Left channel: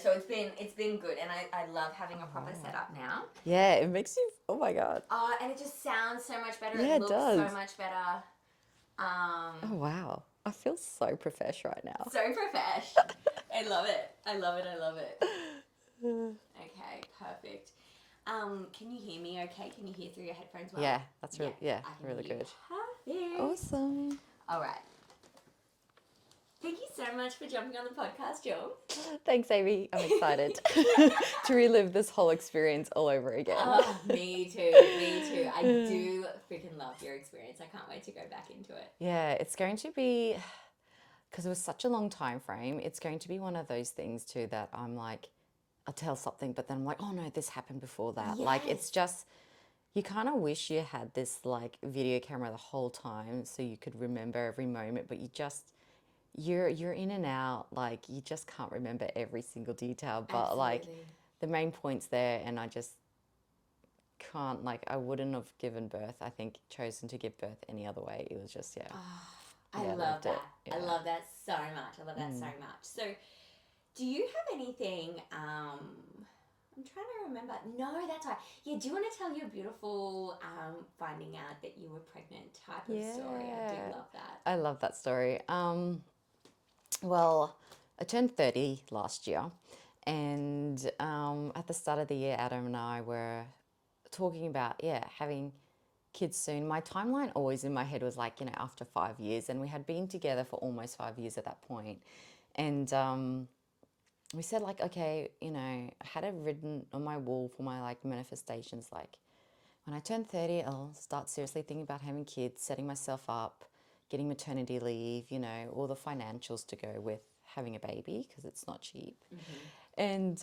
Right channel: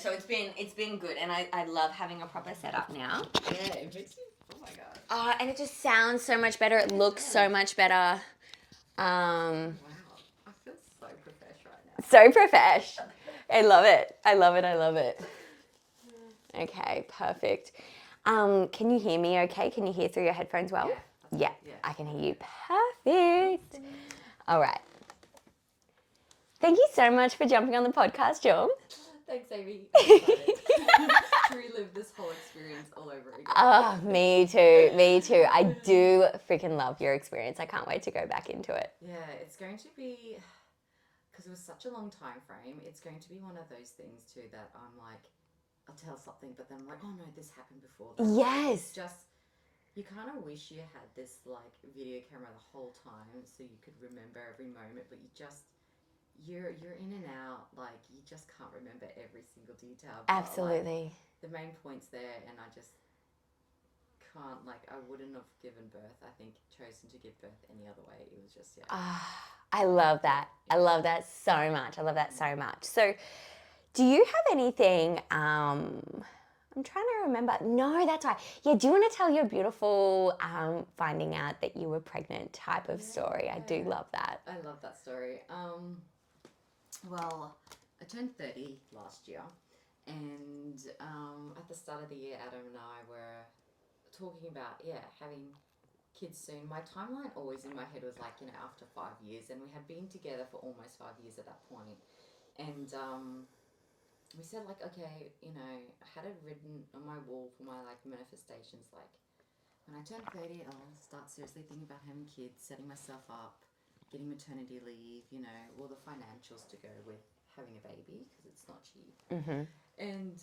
so it's been good, and I love having a proper setup now. Yeah, it makes you, oh my God. And it just sounds so much better. Yeah, It it looks so does. much better. Oh, wow. I feel so profesh right now. So profesh. I love it. I love it. I love it. Okay, perfect. Can you hear me okay? Can you hear through your headphones well? Yeah, that's Yeah, right. Yeah, I can really hear you good. perfect. Awesome. All right. Thank you so much for jumping on the podcast, JUM. Thanks, Amy. I'm excited to relive this whole experience all over again. Oh, me too. Me too. I do freaking love your experience. I can't wait to go back into it. Yeah, it's going to be, because it was such a long time frame, it's going to be one of those things too that I'm like, I'll tell something, but then I'm like, oh no, this happened before that. Yes. Like, it's just, you kind of wish you had this like video camera the whole time so you could remember every moment, but you just, you're in and out, like you just can't remember every single detail. But like Absolutely. the main point's there, and I just can't, like, I wouldn't have given birth, I think, chosen to give birth any other way. It was just, yeah. I Yeah, love loved it. that. I Yeah. love that so much. I love that so much. So, do you have anything? I'm trying to remember. No, that's right. Yeah, do you want to tell your beautiful finding out that you were pregnant type of story? I do Yeah. love that. I love that story. Well, I turned 30 last year, and at the start of the year, Adam and I were talking about, having kids soon. My timeline always in my head was like, after 5 years, and we had been together for almost 5 years at that point. And we said, like, okay, I had it written on my wall for my like manifestations, like when I turn 30, I'll start seriously thinking about having kids, setting myself up, getting maternity leave, all the financials to go with having a baby, because it's not cheap. And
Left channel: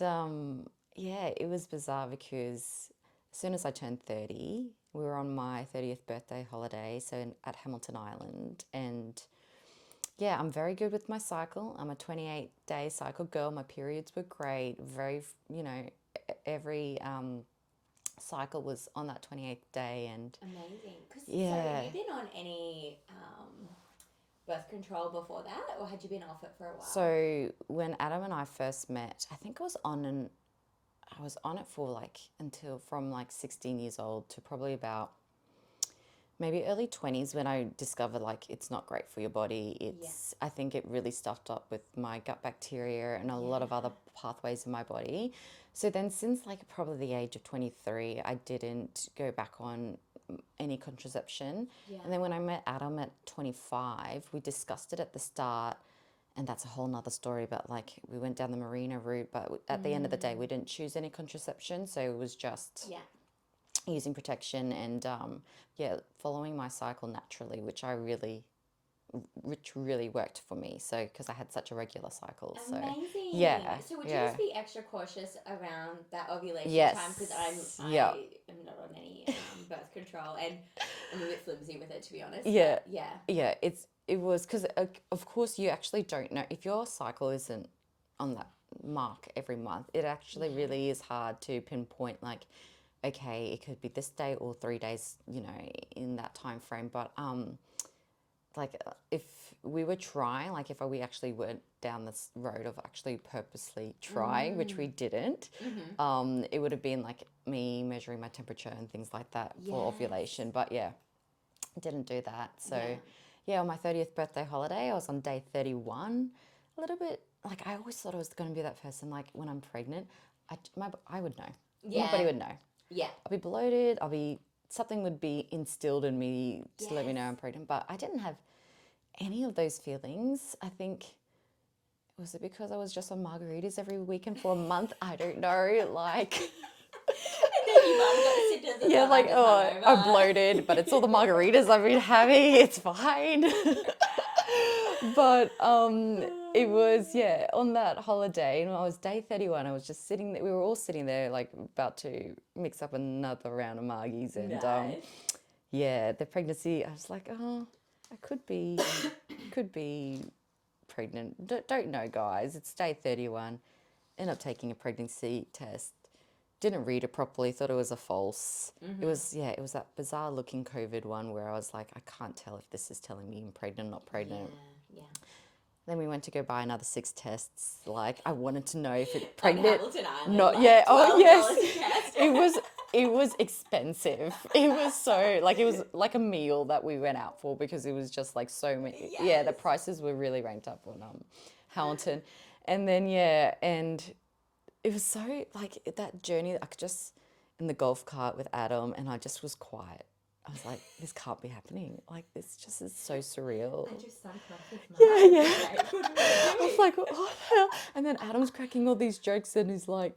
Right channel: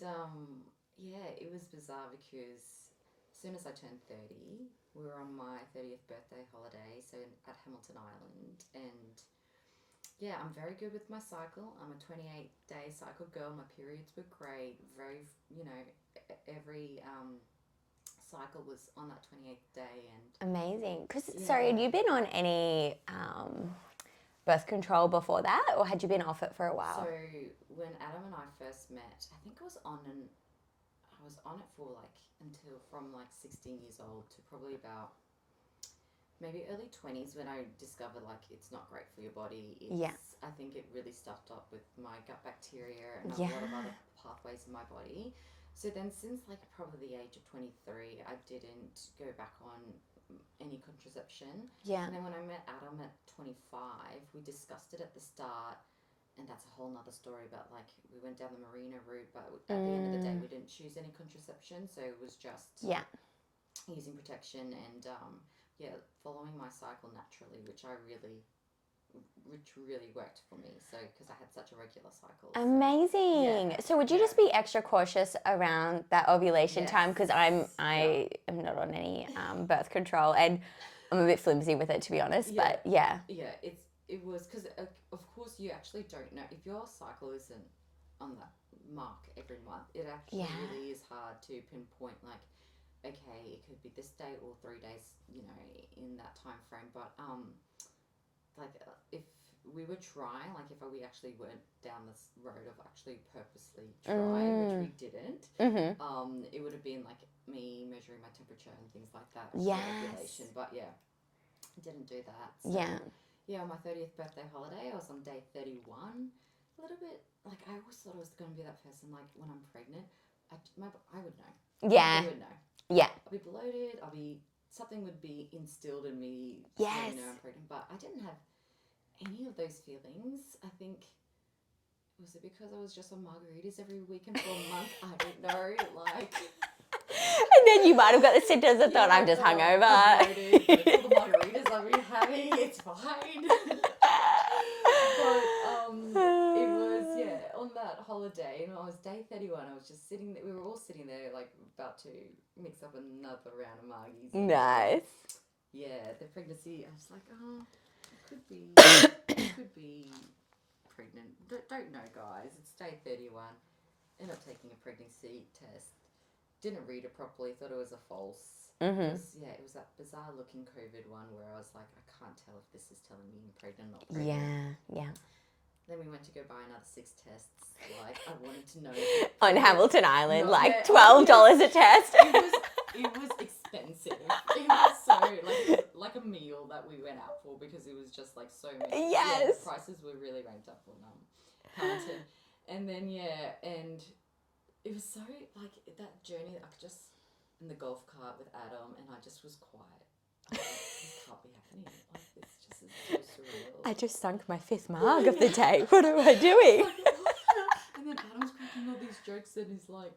it was bizarre because as soon as I turned 30, we were on my 30th birthday holiday, so at Hamilton Island. And yeah, I'm very good with my cycle. I'm a 28-day cycle girl. My periods were great. Very, every cycle was on that 28th day. And Amazing. Because Yeah. sorry, had you been on any birth control before that, or had you been off it for a while? so when Adam and I first met, I think I was on it for like until from like 16 years old to probably about maybe early 20s, when I discovered like it's not great for your body. I think it really stuffed up with my gut bacteria and a lot of other pathways in my body. So then since like probably the age of 23, I didn't go back on any contraception. Yeah. And then when I met Adam at 25, we discussed it at the start, and that's a whole nother story. But like we went down the marina route, but at the end of the day, we didn't choose any contraception. So it was just using protection and following my cycle naturally, which really worked for me. So because I had such a regular cycle. Amazing. So would you just be extra cautious around that ovulation time? Because I am not on any birth control, and I'm a bit flimsy with it, to be honest. Yeah. But yeah. Yeah, it was because of course you actually don't know if your cycle isn't on that mark every month. It actually really is hard to pinpoint, like, okay, it could be this day or 3 days, in that time frame. But like if we were trying, like if we actually went down this road of actually purposely trying, which we didn't, it would have been like me measuring my temperature and things like that for ovulation. But I didn't do that. So on my 30th birthday holiday, I was on day 31. A little bit, like, I always thought I was going to be that person, like when I'm pregnant, I would know. Yeah. Everybody would know. Yeah. I'll be bloated. Something would be instilled in me to let me know I'm pregnant. But I didn't have any of those feelings. I think, was it because I was just on margaritas every weekend for a month? I don't know. Like, And then you might have got the symptoms and thought, I'm just hungover. I'm bloated, but it's all the margaritas I've been having. It's fine. But it was, on that holiday, and I was day 31, I was just sitting there. We were all sitting there, like, about to mix up another round of margies. And, Nice. the pregnancy, I was like, oh, I could be pregnant. Don't know, guys. It's day 31. Ended up taking a pregnancy test. Didn't read it properly, thought it was a false. It was that bizarre looking COVID one where I was like, I can't tell if this is telling me I'm pregnant or not pregnant. Yeah. Then we went to go buy another 6 tests. Like, I wanted to know if it On pregnant- Hamilton Island, No, like yeah, $12 yes. a test. It was expensive. It was so, like, it was like a meal that we went out for because it was just like so many. Yeah, the Yes. prices were really ranked up on Hamilton. And then, yeah, and it was so, like, that journey, I could just, in the golf cart with Adam, and I just was quiet. I was like, this can't be happening. Like, this just is so surreal. I just sunk my 5th mug of the day. What am I doing? Like, oh, yeah. And then Adam's cracking all these jokes and he's like,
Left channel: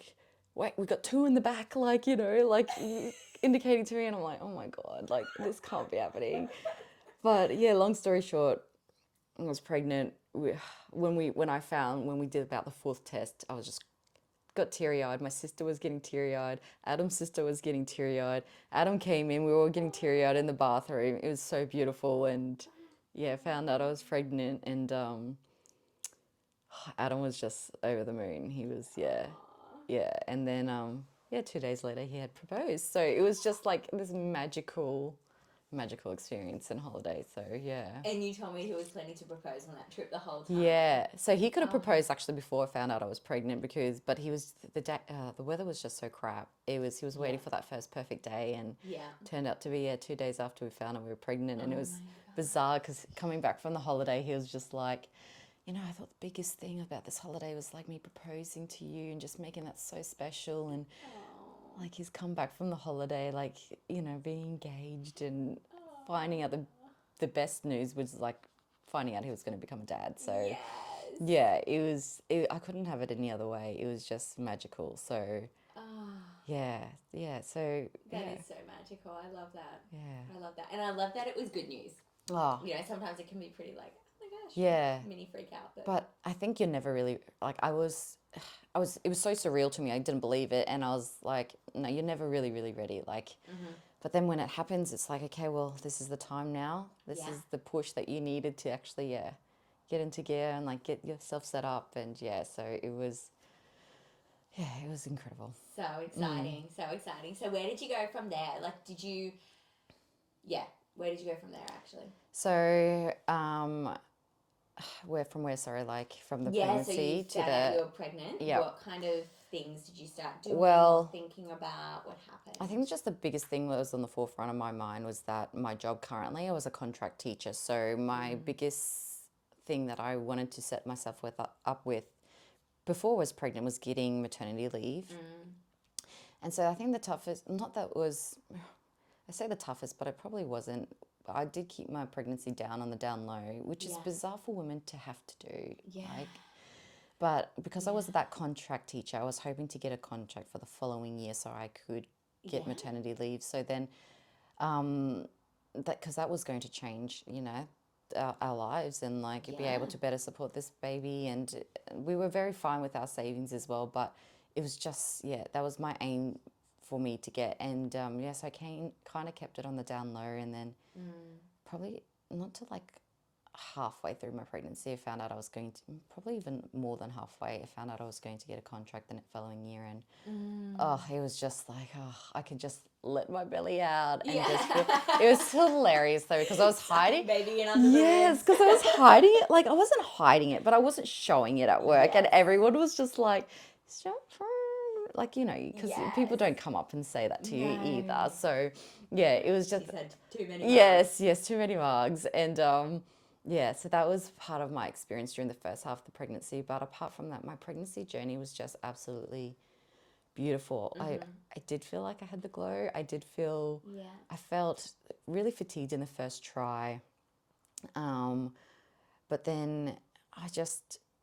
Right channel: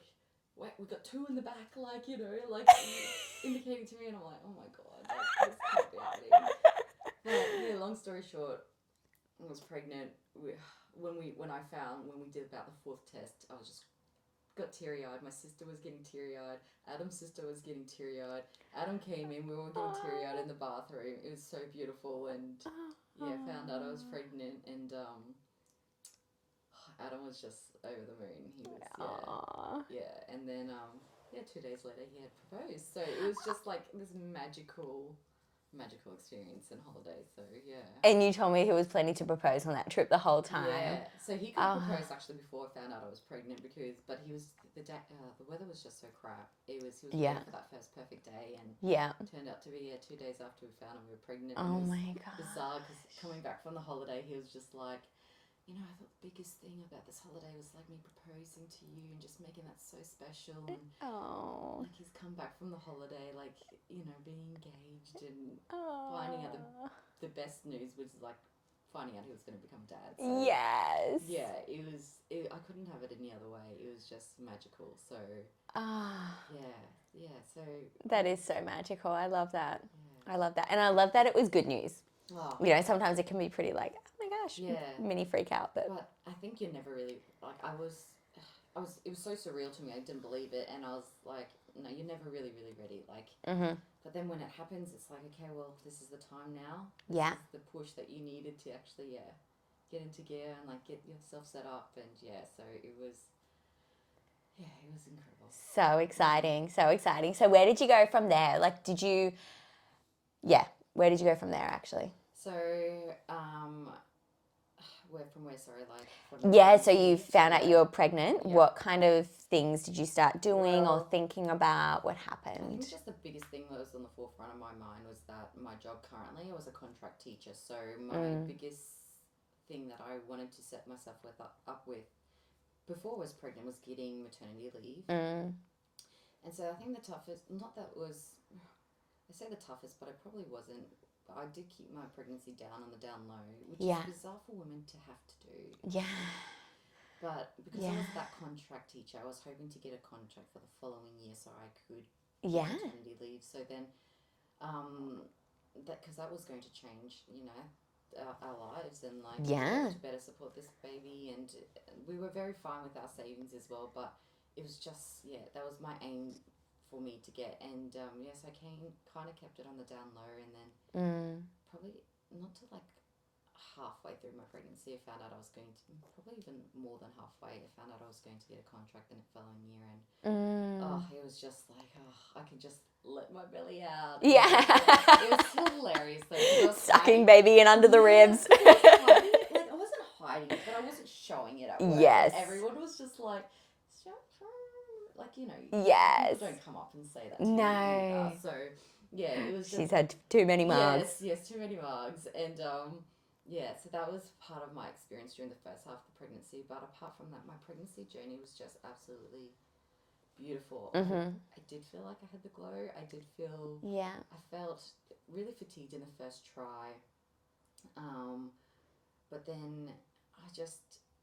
wait, we got 2 in the back, like, you know, like indicating to me. And I'm like, oh my God, like, this can't be happening. But yeah, long story short, I was pregnant. When we did about the 4th test, I was just got teary-eyed. My sister was getting teary-eyed. Adam's sister was getting teary-eyed. Adam came in. We were all getting teary-eyed in the bathroom. It was so beautiful. And yeah, found out I was pregnant. And Adam was just over the moon. He was, yeah. And then, 2 days later, he had proposed. So it was just like this magical experience and holiday. So yeah. And you told me he was planning to propose on that trip the whole time. Yeah. So he could have proposed actually before I found out I was pregnant but he was the weather was just so crap. He was waiting for that first perfect day, and it turned out to be 2 days after we found out we were pregnant, and it was bizarre because coming back from the holiday, he was just like, you know, I thought the biggest thing about this holiday was like me proposing to you and just making that so special. And like he's come back from the holiday, like, you know, being engaged and finding out the best news was like finding out he was going to become a dad. So yes. Yeah, I couldn't have it any other way. It was just magical. So yeah. So that is so magical. I love that. Yeah. I love that. And I love that it was good news. Oh. You know, sometimes it can be pretty like, oh my gosh, mini freak out. But I think you're never really, like, it was so surreal to me. I didn't believe it. And I was like, no, you're never really, really ready. Like, but then when it happens, it's like, okay, well, this is the time now. This is the push that you needed to actually, get into gear and like get yourself set up. And so it was incredible. So exciting. So exciting. So where did you go from there? Like, where did you go from there actually? So, sorry, like from the so you pregnancy found out you were pregnant. Yeah. What kind of things did you start doing or thinking about? What happened? I think just the biggest thing that was on the forefront of my mind was that my job currently, I was a contract teacher. So my biggest thing that I wanted to set myself up with before I was pregnant was getting maternity leave. And so I think the toughest, not that was, I say the toughest, but it probably wasn't. I did keep my pregnancy down on the down low, which is bizarre for women to have to do. Yeah. Like, but because I was that contract teacher, I was hoping to get a contract for the following year so I could get maternity leave. So then, because that was going to change, you know, our lives and like be able to better support this baby. And we were very fine with our savings as well, but it was just, that was my aim for me to get. And so I kind of kept it on the down low, and then probably not to like halfway through my pregnancy, I found out I was going to, probably even more than halfway, I found out I was going to get a contract the following year. And it was just like, I could just let my belly out. And it was so hilarious though, because I was sucking baby in under the ribs. Because I was hiding it. Like, I wasn't hiding it, but I wasn't showing it at work. And everyone was just like, like, you know, people don't come up and say that to you either. So it was just, she's had too many mugs. Yes, too many mugs. And so that was part of my experience during the first half of the pregnancy. But apart from that, my pregnancy journey was just absolutely beautiful. I did feel like I had the glow. I felt really fatigued in the first try. But then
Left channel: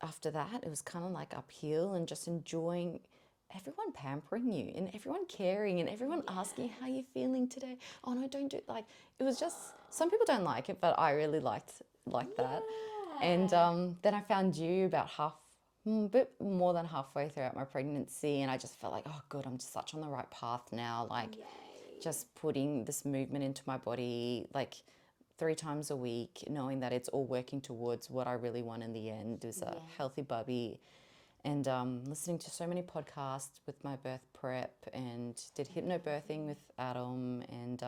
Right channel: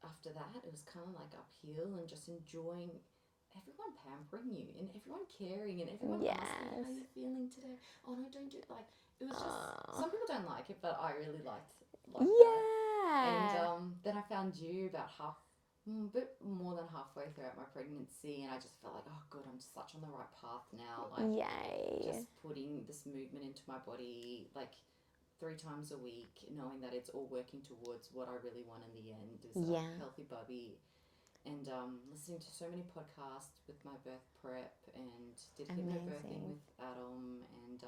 after that, it was kind of like uphill and just enjoying everyone pampering you and everyone caring and everyone asking how you're feeling today. Oh no, don't do it. Like, it was just, some people don't like it, but I really liked that. And then I found you about a bit more than halfway throughout my pregnancy, and I just felt like, oh good, I'm such on the right path now. Like, just putting this movement into my body like 3 times a week, knowing that it's all working towards what I really want in the end, is a healthy bubby. And listening to so many podcasts with my birth prep, and did hypnobirthing with Adam, and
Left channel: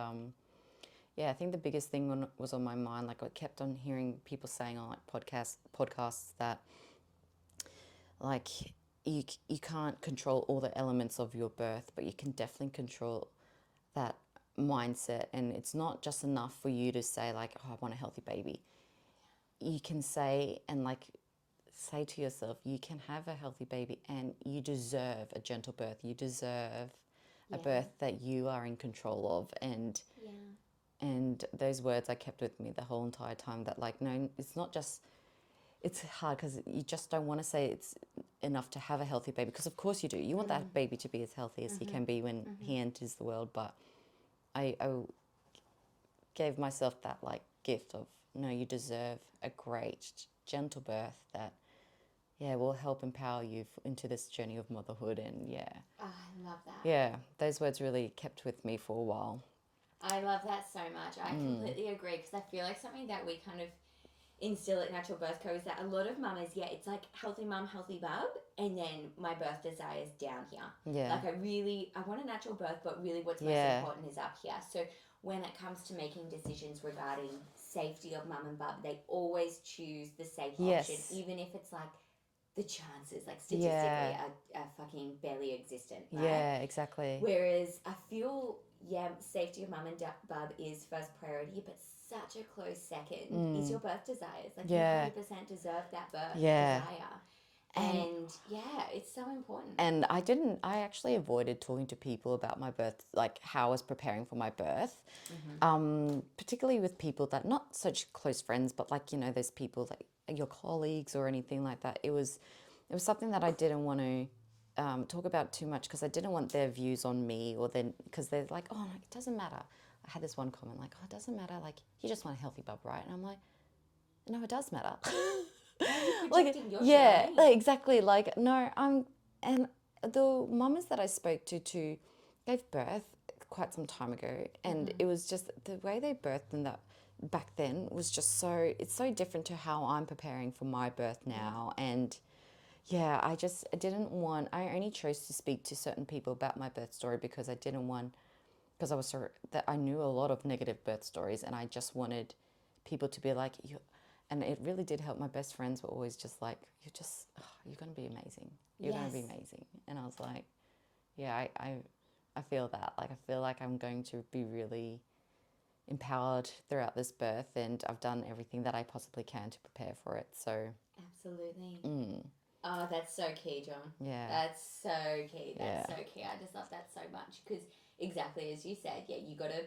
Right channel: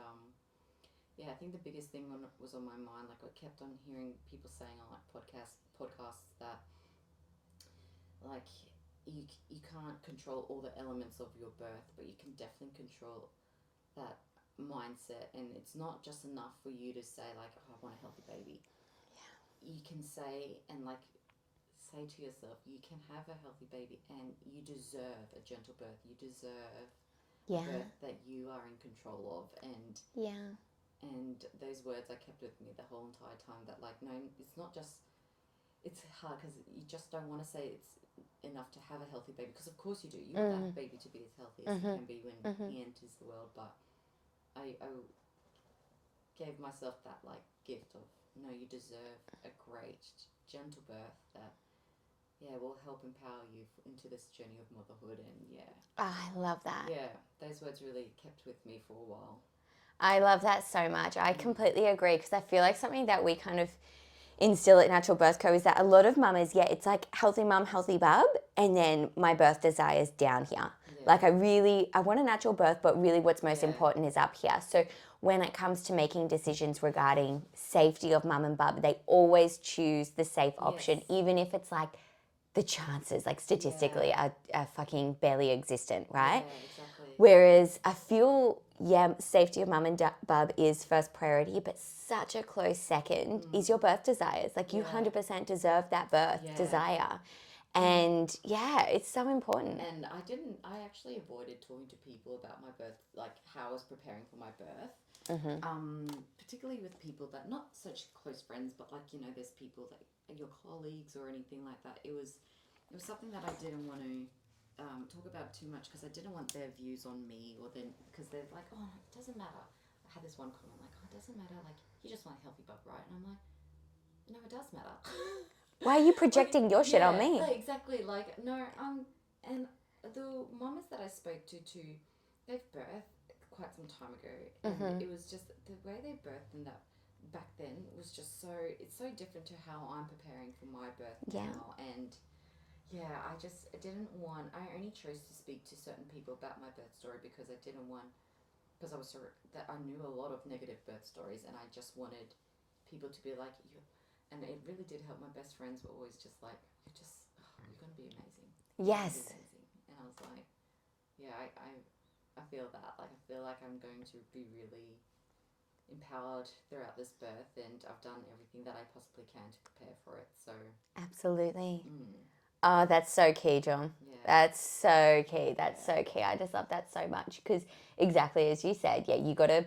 yeah, I think the biggest thing was on my mind. Like I kept on hearing people saying on like podcasts that like you can't control all the elements of your birth, but you can definitely control that mindset. And it's not just enough for you to say like, oh, I want a healthy baby. You can say and like say to yourself, you can have a healthy baby and you deserve a gentle birth. You deserve a birth that you are in control of. And those words I kept with me the whole entire time, that like, no, it's not just, it's hard because you just don't want to say it's enough to have a healthy baby, because of course you do. You want that baby to be as healthy as he can be when he enters the world. But I gave myself that like gift of, no, you deserve a great gentle birth that will help empower you into this journey of motherhood. And Oh, I love that. yeah, those words really kept with me for a while. I love that so much. I completely agree, because I feel like something that we kind of instill at Natural Birth Co is that a lot of mamas, it's like healthy mum, healthy bub, and then my birth desires down here. Yeah. Like I want a natural birth, but really what's most important is up here. So when it comes to making decisions regarding safety of mum and bub, they always choose the safe option, even if it's like the chances, like statistically, are fucking barely existent, right? Yeah, exactly. Whereas I feel, safety of mum and bub is first priority, but such a close second is your birth desires. Like you 100% deserve that birth desire. And it's so important. And I actually avoided talking to people about my birth, like how I was preparing for my birth, particularly with people that, not such close friends, but like, you know, those people like your colleagues or anything like that. It was something that I didn't want to talk about too much, because I didn't want their views on me, or then, because they're like, oh, it doesn't matter. I had this one comment like, oh, it doesn't matter. Like, you just want a healthy bub, right? And I'm like, no, it does matter. Why are you projecting your shit on me? Exactly. Like, no, and the mamas that I spoke to gave birth quite some time ago, and it was just the way they birthed in that back then was just it's so different to how I'm preparing for my birth now. And I only chose to speak to certain people about my birth story because I didn't want, because I was that I knew a lot of negative birth stories, and I just wanted people to be like, you. And it really did help. My best friends were always just like, you're going to be amazing. You're going to be amazing. And I was like, I feel that. Like, I feel like I'm going to be really empowered throughout this birth, and I've done everything that I possibly can to prepare for it. So absolutely. Oh, that's so key, John. Yeah. That's so key. That's so key. I just love that so much, because exactly as you said, you got to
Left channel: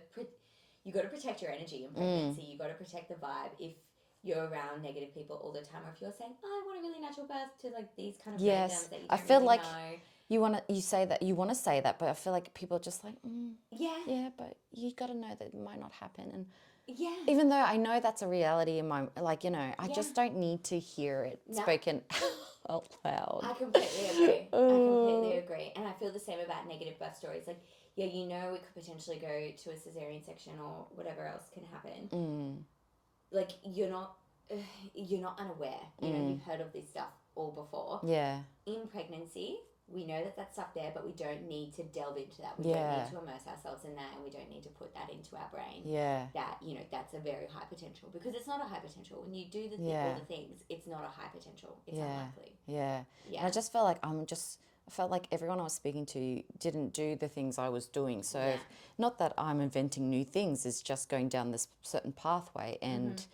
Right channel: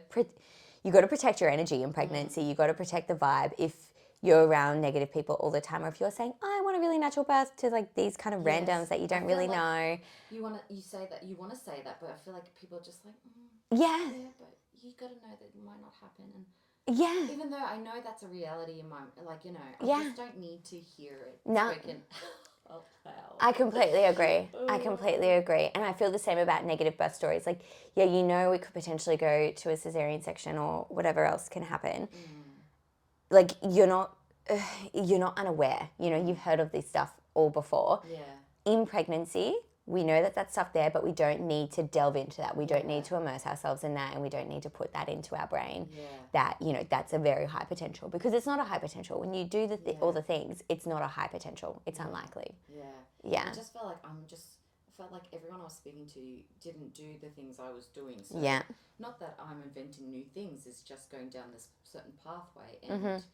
protect your energy in pregnancy. You got to protect the vibe. If you're around negative people all the time, or if you're saying, I want a really natural birth, to like these kind of randoms that you don't really know. You want to say that, but I feel like people are just like, yeah, but you got to know that it might not happen. And even though I know that's a reality in my, like, you know, I just don't need to hear it spoken out loud. I completely agree. I completely agree. And I feel the same about negative birth stories. Like, you know, we could potentially go to a cesarean section or whatever else can happen. Like, you're not unaware. You know, you've heard of this stuff all before. Yeah. In pregnancy, we know that that's stuff there, but we don't need to delve into that. We don't need to immerse ourselves in that, and we don't need to put that into our brain. Yeah. That, you know, that's a very high potential, because it's not a high potential. When you do all the things, it's not a high potential. It's unlikely. Yeah. Yeah. And I just felt like I felt like everyone I was speaking to didn't do the things I was doing. So not that I'm inventing new things, it's just going down this certain pathway. And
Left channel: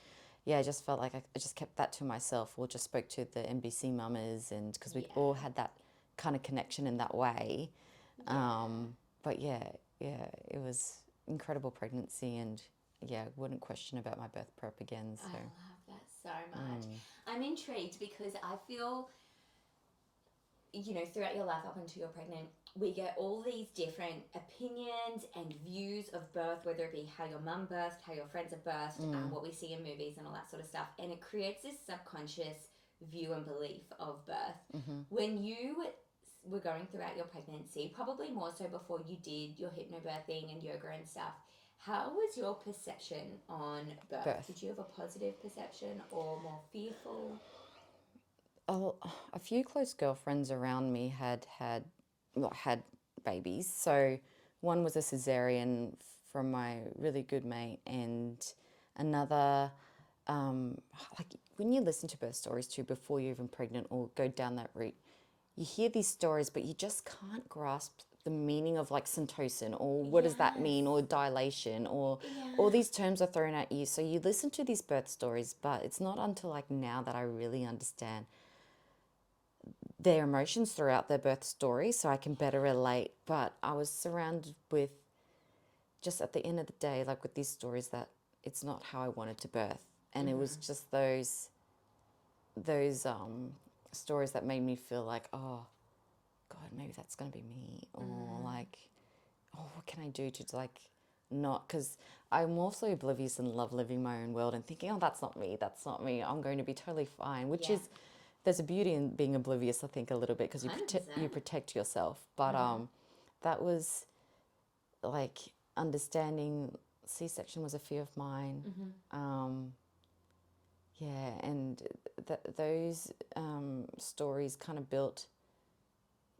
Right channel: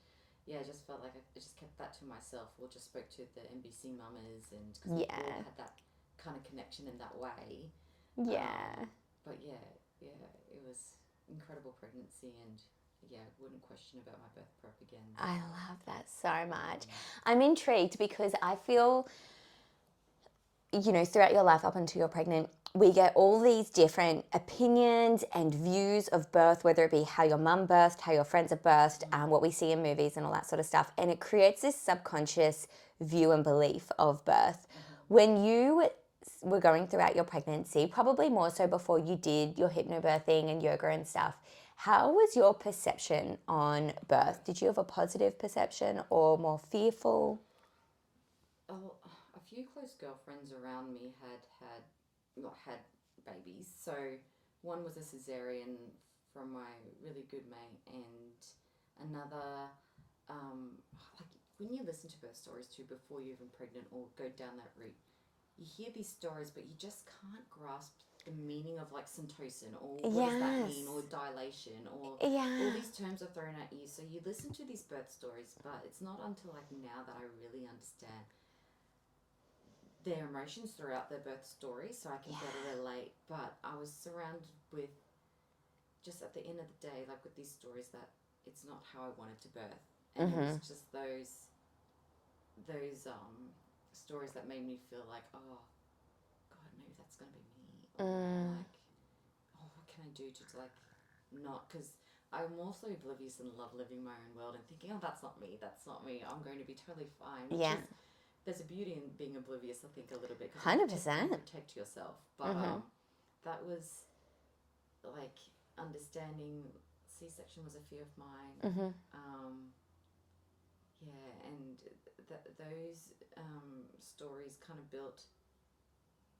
I just felt like I just kept that to myself, or just spoke to the NBC mamas, and because we all had that kind of connection in that way. But it was incredible pregnancy, and wouldn't question about my birth prep again. So. I love that so much. I'm intrigued, because I feel, you know, throughout your life up until you're pregnant, we get all these different opinions and views of birth, whether it be how your mum birthed, how your friends have birthed, what we see in movies and all that sort of stuff. And it creates this subconscious view and belief of birth. When you were going throughout your pregnancy, probably more so before you did your hypnobirthing and yoga and stuff, how was your perception on birth? Did you have a positive perception or more fearful? A few close girlfriends around me had babies. So one was a cesarean from my really good mate, and another, like when you listen to birth stories too before you're even pregnant or go down that route, you hear these stories, but you just can't grasp the meaning of like syntocin, or what does that mean, or dilation, or all these terms are thrown at you. So you listen to these birth stories, but it's not until like now that I really understand their emotions throughout their birth story, so I can better relate. But I was surrounded with, just at the end of the day, like with these stories, that it's not how I wanted to birth, and it was just those stories that made me feel like, oh God, maybe that's gonna be me, or like, oh, what can I do to like not, because I'm also oblivious and love living my own world and thinking, oh, that's not me, I'm going to be totally fine, which is, there's a beauty in being oblivious, I think, a little bit, because you protect yourself. But that was like understanding C-section was a fear of mine. And those stories kind of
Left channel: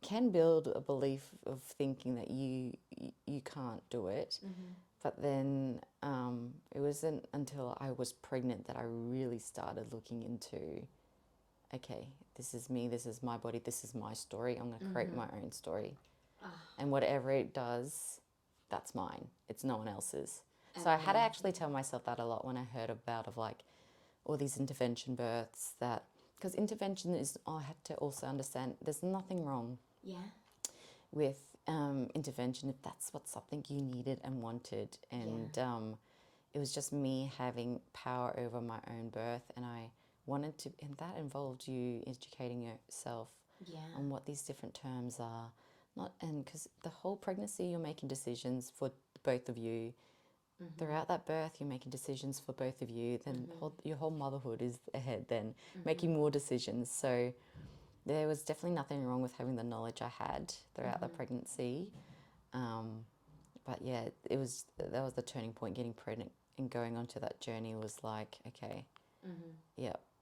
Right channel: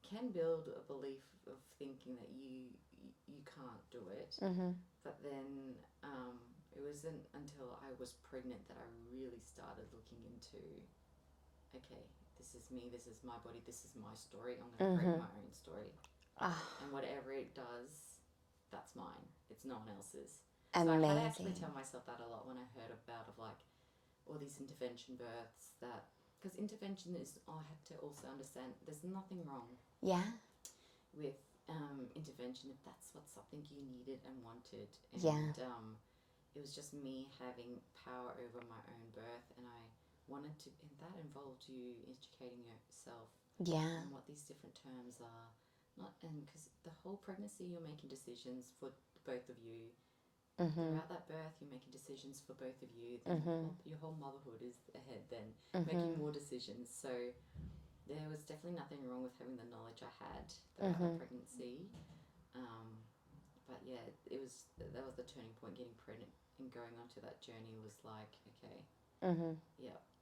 can build a belief of thinking that you can't do it. But then it wasn't until I was pregnant that I really started looking into, okay, this is me, this is my body, this is my story. I'm going to create my own story. And whatever it does, that's mine. It's no one else's. Amazing. So I had to actually tell myself that a lot when I heard about like all these intervention births, that, because intervention is, I had to also understand there's nothing wrong with intervention if that's what something you needed and wanted. And it was just me having power over my own birth, and I wanted to, and that involved you educating yourself on what these different terms are. And because the whole pregnancy, you're making decisions for both of you. Throughout that birth, you're making decisions for both of you. Then your whole motherhood is ahead, then making more decisions. So there was definitely nothing wrong with having the knowledge I had throughout the pregnancy. But yeah, that was the turning point. Getting pregnant and going onto that journey was like, okay,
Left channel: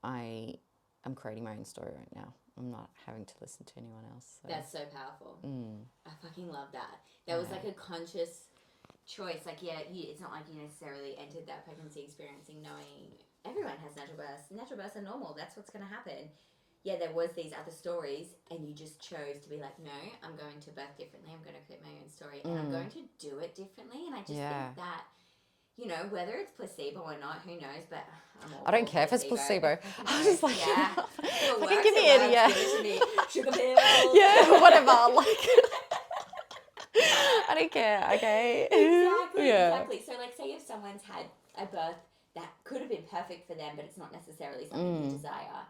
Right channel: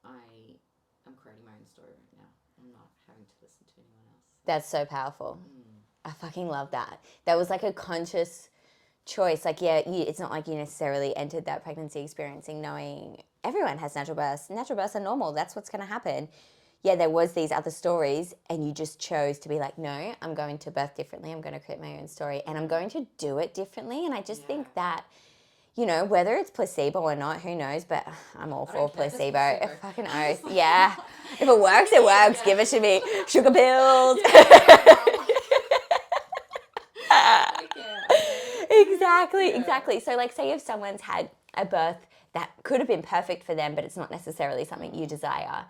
I'm creating my own story right now. I'm not having to listen to anyone else. So. That's so powerful. I fucking love that. That was like a conscious choice. Like, it's not like you necessarily entered that pregnancy experiencing knowing everyone has natural births. Natural births are normal. That's what's going to happen. Yeah, there was these other stories, and you just chose to be like, no, I'm going to birth differently. I'm going to create my own story, and I'm going to do it differently. And I just think that, you know, whether it's placebo or not, who knows? But I'm all for placebo. If it's placebo. Fucking oath. Like, if it works, it works. Give it to me. Sugar pills. Whatever. I don't care. Okay. Exactly. So, like, say if someone's had a birth that could have been perfect for them, but it's not necessarily something you desire.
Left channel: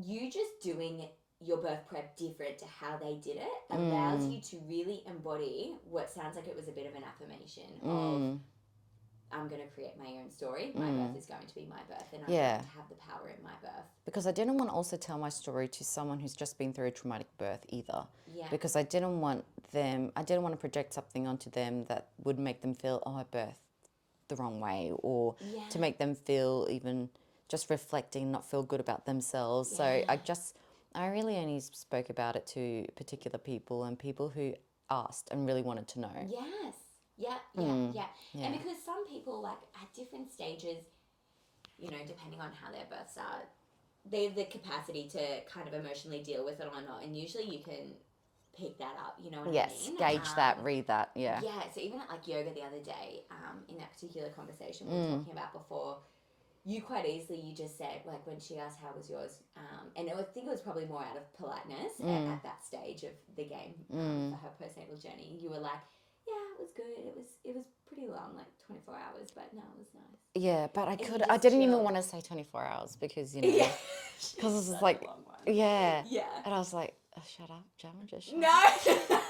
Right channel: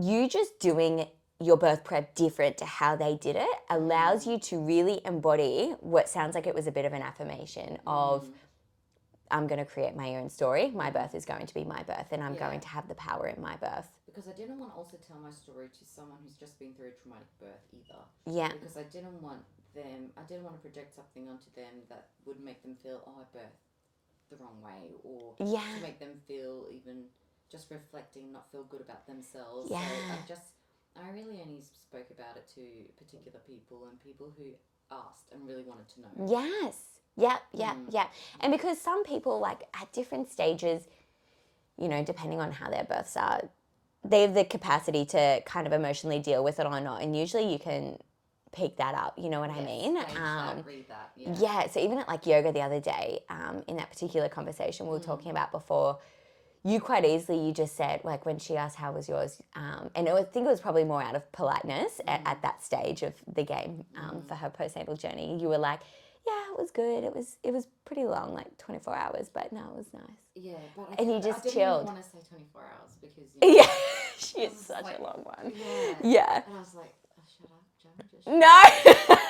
You just doing your birth prep different to how they did it allows you to really embody what sounds like it was a bit of an affirmation of, I'm going to create my own story. My birth is going to be my birth, and I'm going to have the power in my birth. Because I didn't want to also tell my story to someone who's just been through a traumatic birth either. Yeah. Because I didn't want to project something onto them that would make them feel, oh, I birthed the wrong way, or to make them feel even just reflecting, not feel good about themselves. So I really only spoke about it to particular people and people who asked and really wanted to know. Yes. Yeah. And because some people, like, at different stages, you know, depending on how their births are, they have the capacity to kind of emotionally deal with it or not. And usually you can pick that up, you know what I mean? Gauge that, read that, Yeah, so even at, like, yoga the other day, in that particular conversation we were talking about before, you quite easily, you just said, like, when she asked how was yours, and I think it was probably more out of politeness at that stage of the game for her postnatal journey, you were like, yeah, it was good. It was pretty long, like 24 hours, but no, it was nice. Yeah, but I didn't chilled. even want to say 24 hours because, you know, because it's such like a long one. Yeah. And I was like, oh, shut up, Jam, just shut No. up.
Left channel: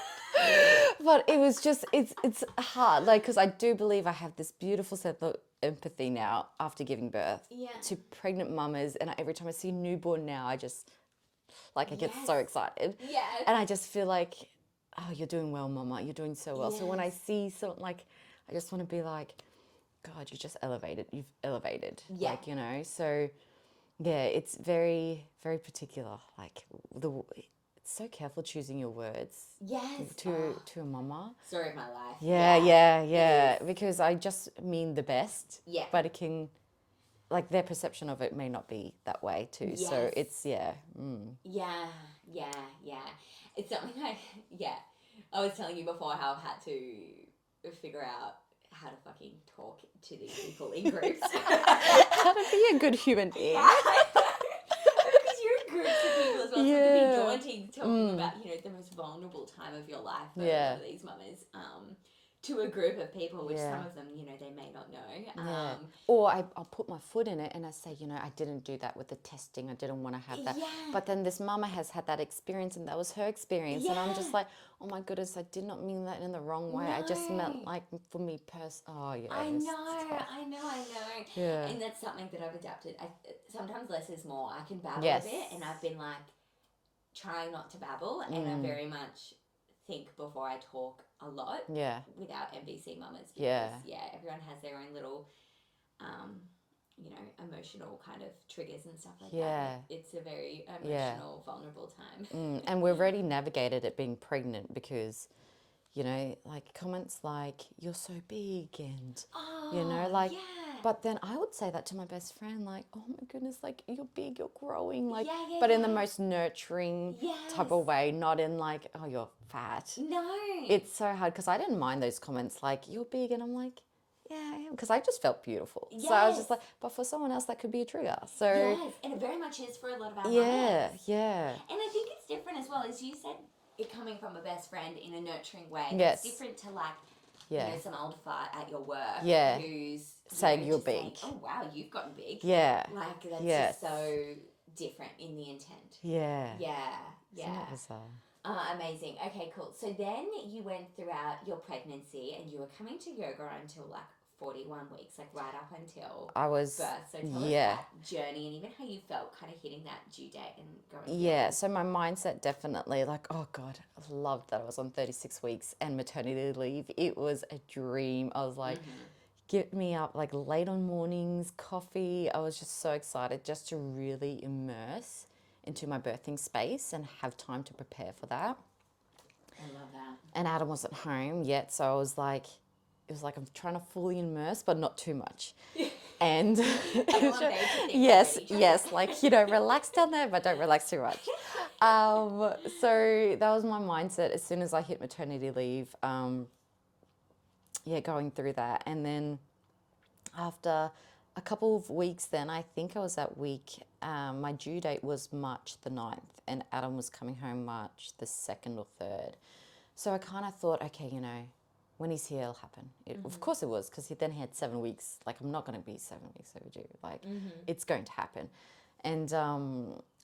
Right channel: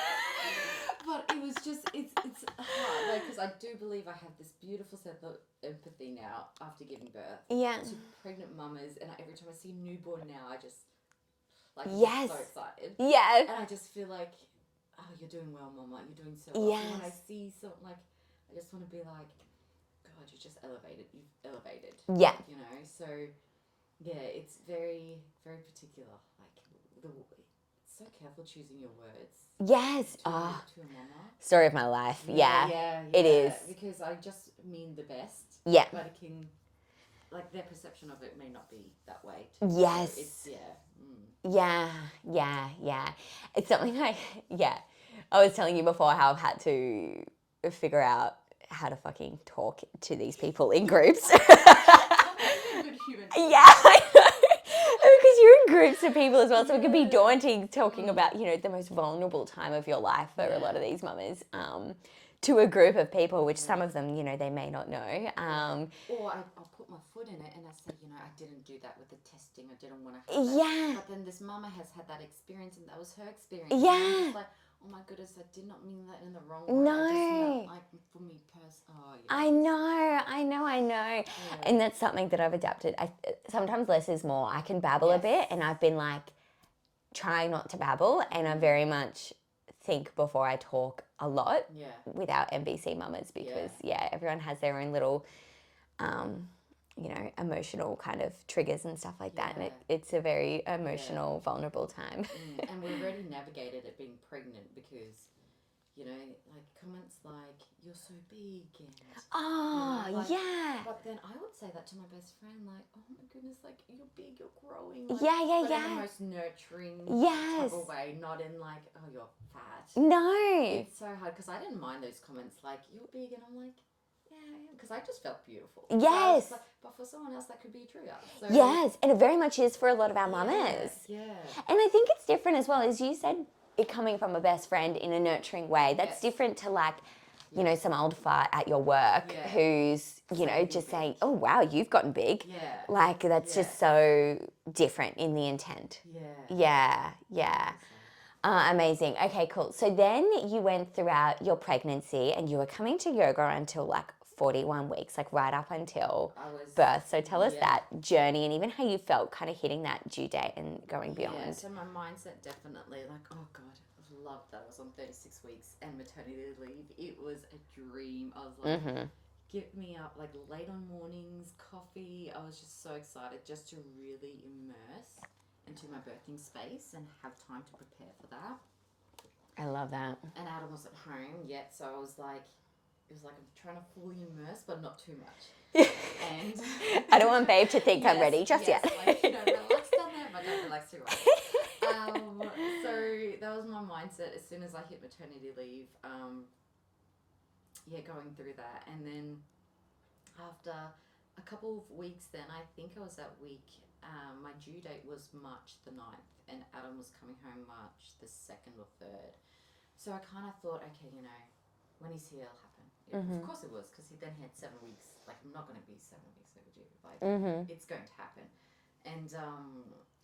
But it was just, it's hard, like, because I do believe I have this beautiful sense of empathy now after giving birth to pregnant mamas, and every time I see a newborn now, I just, like, I get so excited. Yeah. And I just feel like, oh, you're doing well, mama, you're doing so well. Yes. So when I see something, like, I just want to be like, God, you've elevated. Yeah. Like, you know, so, yeah, it's very, very particular, like, so careful choosing your words Yes. to a mama. Story of my life. Yeah. It is. Because I just mean the best. Yeah. But it can, like, their perception of it may not be that way too. Yes. So it's, Yeah. It's something I was telling you before how I've had to figure out how to fucking talk to these people in groups. How to be a good human being. Yeah, I know. Because you're in groups of people as well, so it can be Yeah. daunting talking about, the most vulnerable time of your life for a lot of these mamas. To a group of people, which some of them, they may not know. Or I'll put my foot in it and I say, I didn't do that with the testing. I didn't want to have that. Yeah. But then this mama has had that experience and that was her experience. Yeah. And I'm just like, oh my goodness, I did not mean that in the wrong way. I just meant like for me personally. Oh, yeah. I know. Yeah. And that's something that I've adapted. Sometimes less is more. I can babble a bit, and I've been like trying not to babble, and I very much think before I talk a lot with our MBC mamas because everyone has their own little emotional kind of triggers and stuff like that. And it's a very emotional, vulnerable time. And we've already navigated it being pregnant because, like comments like, you're so big and, but then I would say that to my best friend, like, oh my goodness, like, you're big, you're growing. Like, but in the most nurturing type of way, not in like, oh, you're fat. No. It's so hard because I didn't mind those comments like, you're big, and I'm like, yeah, I am, because I just felt beautiful. Yes. So I was just like, but for someone else, that could be a trigger. So yes, and it very much is for a lot of our mamas. Yeah. And I think it's different as well, as you said, it coming from a best friend in a nurturing way. That's different to like, some old fart at your work who's, just saying, oh, wow, you've gotten big. Yeah. Like, that's just so different in the intent. Yeah. Yeah. Amazing. Okay, cool. So then you went throughout your pregnancy and you were coming to yoga until like 41 weeks, like right up until birth. So tell us that journey and even how you felt kind of hitting that due date and going beyond. Yeah, so my mindset definitely like, oh God, I loved that I was on 36 weeks and maternity leave. It was a dream. I was like, get me up like late on mornings, coffee. I was just so excited just to really immerse into my birthing space and have time to prepare for that. I love that. And Adam wasn't home yet, so I was like, it was like I'm trying to fully immerse, but not too much. And I don't want babe to think I'm ready just yet. Like, relax down there, but don't relax too much. So that was my mindset as soon as I hit maternity leave. Going through that. And then after a couple of weeks then, I think I was at week, my due date was March the 9th and Adam was coming home March the 2nd or 3rd. So I kind of thought, okay, when he's here, it'll happen. Of course it was, because then he had 7 weeks. Like, I'm not going to be 7 weeks overdue. Like, it's going to happen. And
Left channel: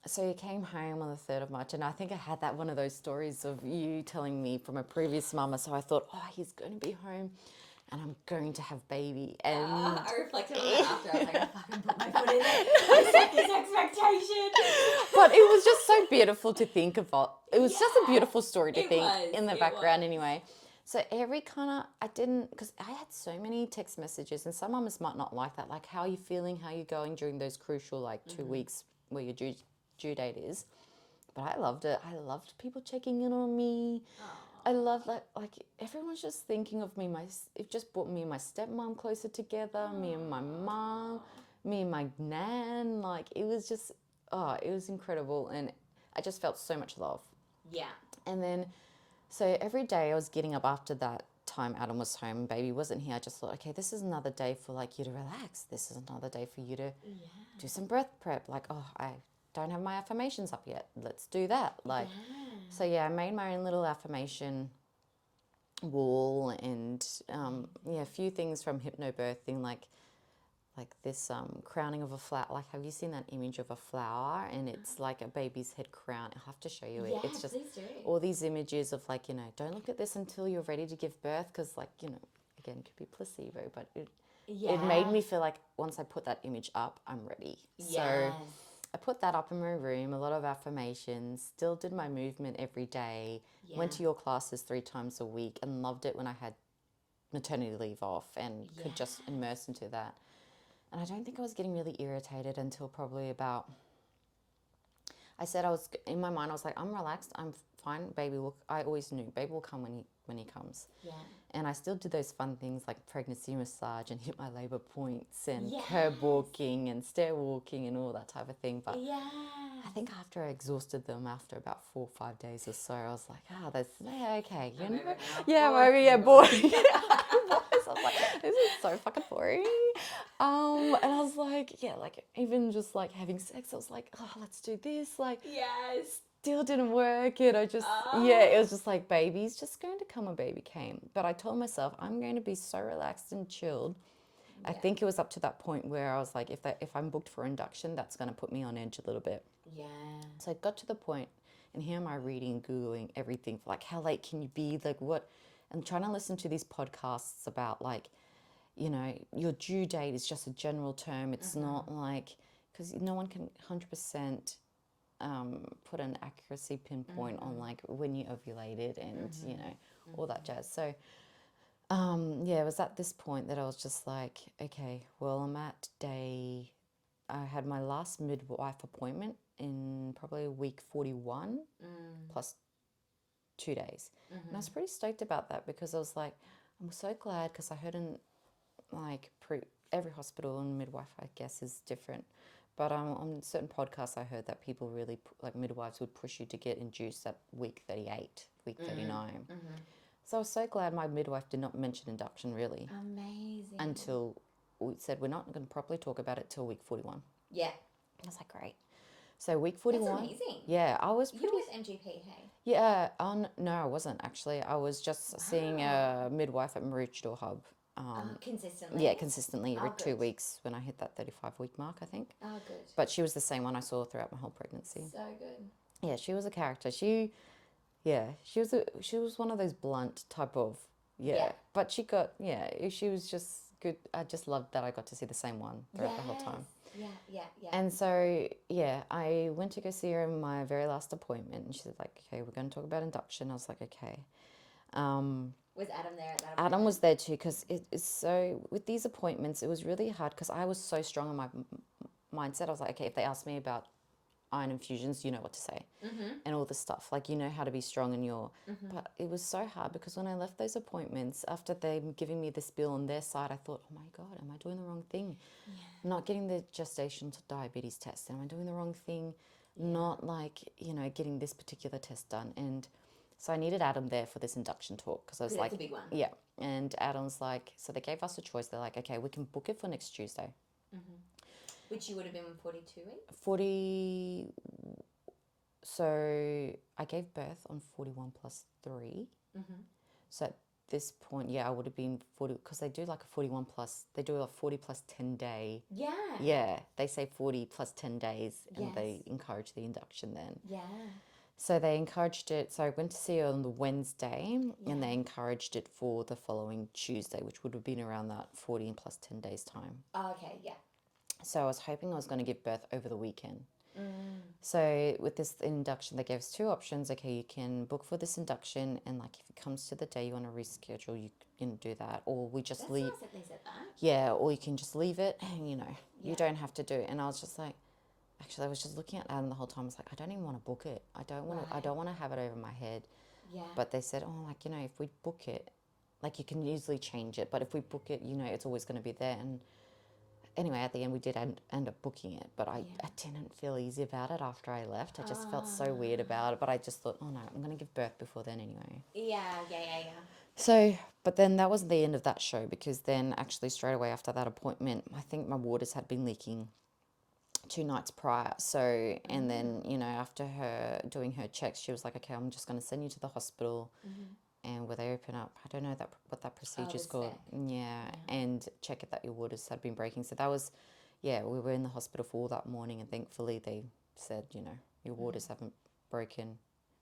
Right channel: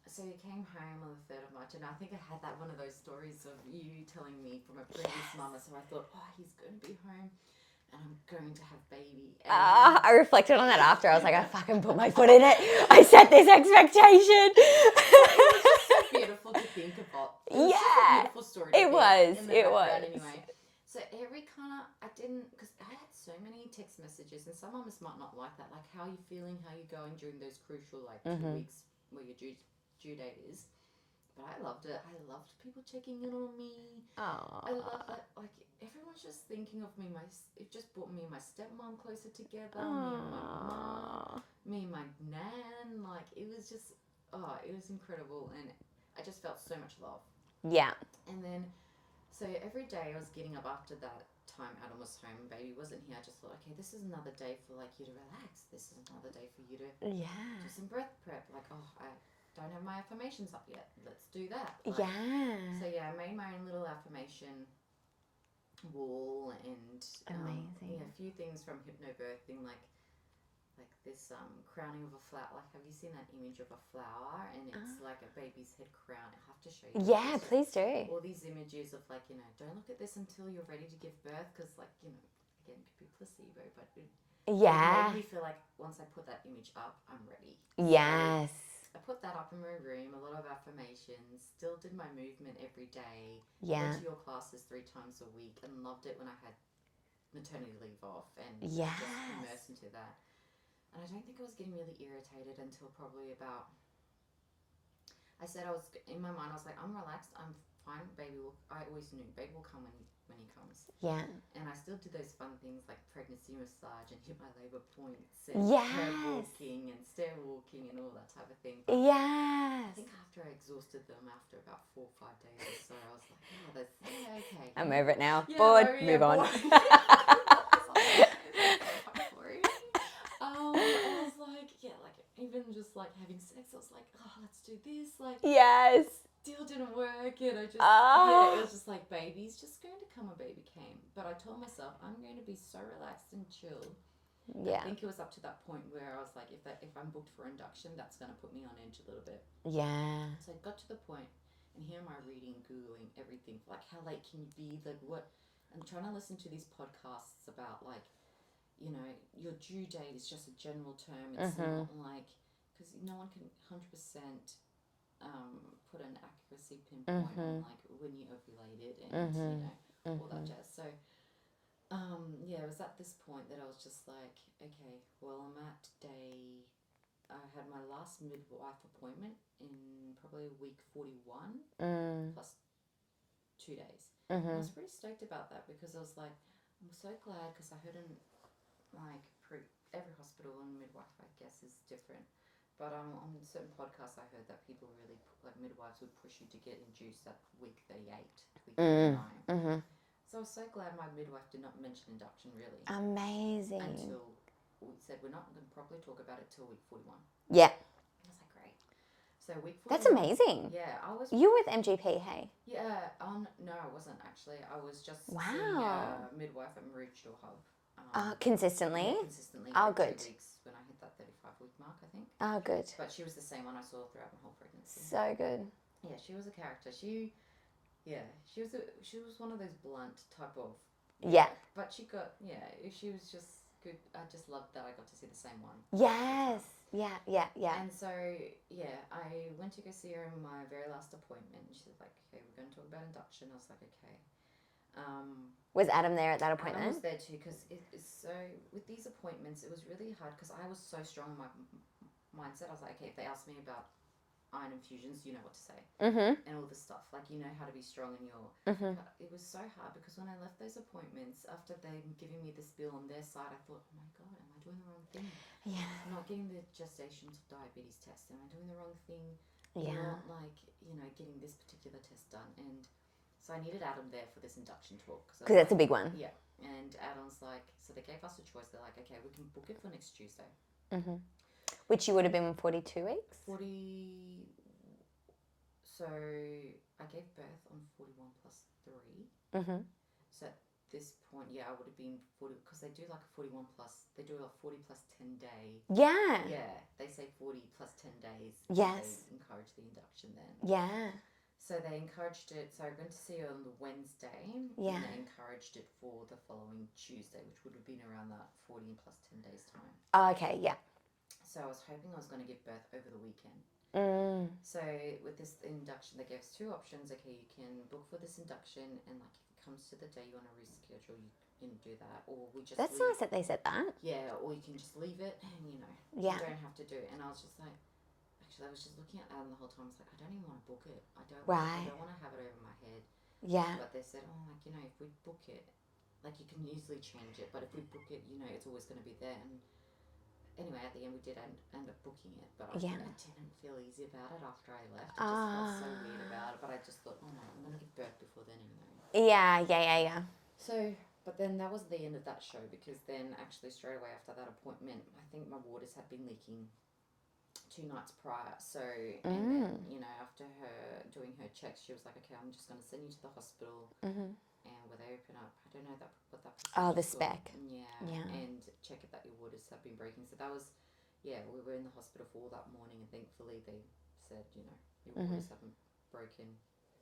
so he came home on the 3rd of March, and I think I had that one of those stories of you telling me from a previous mama. So I thought, oh, he's going to be home, and I'm going to have baby. And I reflected on that after. I was like, I fucking put my foot in it. I set this expectation. But it was just so beautiful to think about. It was just a beautiful story to think in the background anyway. So every kind of, I didn't, because I had so many text messages, and some mamas might not like that. Like, how are you feeling? How are you going during those crucial, 2 weeks where your due date is? But I loved it. I loved people checking in on me. I love that. Like, everyone's just thinking of me. It just brought me and my stepmom closer together, me and my mom, me and my nan. Like, it was just, it was incredible. And I just felt so much love. Yeah. And then, so every day I was getting up after that time Adam was home and baby wasn't here. I just thought, okay, this is another day for like you to relax. This is another day for you to do some breath prep. Like, I don't have my affirmations up yet. Let's do that. Like, so I made my own little affirmation wall and a few things from hypnobirthing, like this crowning of a flower. Like, have you seen that image of a flower and it's like a baby's head crown? I'll have to show you. Yeah, it's just please do. All these images of like, don't look at this until you're ready to give birth, because like, again, it could be placebo, but it made me feel like once I put that image up, I'm ready. Yes. So I put that up in my room, a lot of affirmations, still did my movement every day, went to your classes 3 times a week, and loved it when I had maternity leave off and could just immerse into that. And I don't think I was getting really irritated until probably about, I said in my mind, I was like, I'm relaxed. I'm fine. Baby will. I always knew baby will come when he comes. Yeah. And I still did those fun things like pregnancy massage and hit my labor points and Yes. curb walking and stair walking and all that type of thing. But yeah. I think after I exhausted them after about 4 or 5 days or so, I was like, oh, that's okay. I'm over it now. Yeah, Bored, over, yeah, move on. bored. I was like, this is so fucking boring. And I was like, yeah, like even just like having sex, I was like, oh, let's do this. Like, Yes. still didn't work. And I just, Oh. yeah, it was just like, baby's just going to come, a baby came. But I told myself, I'm going to be so relaxed and chilled. Yeah. I think it was up to that point where I was like, if I'm booked for induction, that's going to put me on edge a little bit. Yeah. So I got to the point, and here am I reading, Googling everything, like how late can you be, like what, I'm trying to listen to these podcasts about like, you know, your due date is just a general term. It's not like, because no one can 100% put an accuracy pinpoint on like when you ovulated and, you know, all that jazz. So, yeah, it was at this point that I was just like, okay, well, I'm at I had my last midwife appointment in probably week 41 plus 2 days. And I was pretty stoked about that because I was like, I'm so glad, because I heard every hospital and midwife, I guess, is different. But on certain podcasts, I heard that people really, like midwives would push you to get induced at week 38, week 39. So I was so glad my midwife did not mention induction really. Amazing. Until we said, we're not going to properly talk about it till week 41. Yeah. I was like, great. So week 41. That's amazing. Yeah, I was. You were with MGP, hey? Yeah, no, I wasn't actually. I was just seeing a midwife at Maroochydore Hub. Consistently? Yeah, consistently every 2 weeks when I hit that 35-week mark, I think. Oh, good. But she was the same one I saw throughout my whole pregnancy. So good. Yeah, she was a character. She was one of those blunt type of. Yeah. But she was just good. I just loved that I got to see the same one. Yes. The whole time. Yeah. And so, yeah, I went to go see her in my very last appointment. And she's like, okay, we're going to talk about induction. I was like, okay. Was Adam there at that appointment? Adam was there too, because with these appointments, it was really hard because I was so strong in my mindset. I was like, okay, if they ask me about iron infusions, you know what to say. And all this stuff. Like, you know how to be strong in your... But it was so hard because when I left those appointments, after they giving me this bill on their side, I thought, oh my God, am I doing the wrong thing? Yeah. Not getting the gestational diabetes test. Am I doing the wrong thing? Yeah. Not like, you know, getting this particular test done. And so I needed Adam there for this induction talk. Because that's a big one. Yeah. And Adam's like, so they gave us a choice. They're like, okay, we can book it for next Tuesday. Which you would have been 42 weeks? So I gave birth on 41 plus 3. So at this point, yeah, I would have been 40, because they do like a 41 plus, they do a 40 plus 10 day. Yeah. Yeah, they say 40 plus 10 days. Yes. And they encourage the induction then. Yeah. So they encouraged it. So I went to see her on the Wednesday, and they encouraged it for the following Tuesday, which would have been around that 40 plus 10 days time. Oh, okay, yeah. So I was hoping I was going to give birth over the weekend. So with this induction, they gave us 2 options. Okay, you can book for this induction, and like if it comes to the day you want to reschedule, you can do that, or we just That's leave. nice that they said that. Yeah, or you can just leave it, and you Yeah. don't have to do it. And I was just like, actually, I was just looking at Adam the whole time. I was like, I don't even want to book it. I don't want to have it over my head. Yeah. But they said, oh, like, you know, if we book it, like you can easily change it. But if we book it, you know, it's always going to be there. And anyway, at the end, we did end up booking it. But I didn't feel easy about it after I left. I just felt so weird about it. But I just thought, oh no, I'm going to give birth before then anyway. Yeah. So, but then that wasn't the end of that show, because then actually straight away after that appointment, I think my waters had been leaking 2 nights prior. So, and then, you know, after her doing her checks, she was like, okay, I'm just going to send you to the hospital. And where they open up, I don't know what that procedure is called. spec. Yeah, and check it that your waters had been breaking. So that was, we were in the hospital for all that morning, and thankfully they said, you know, your waters haven't broken,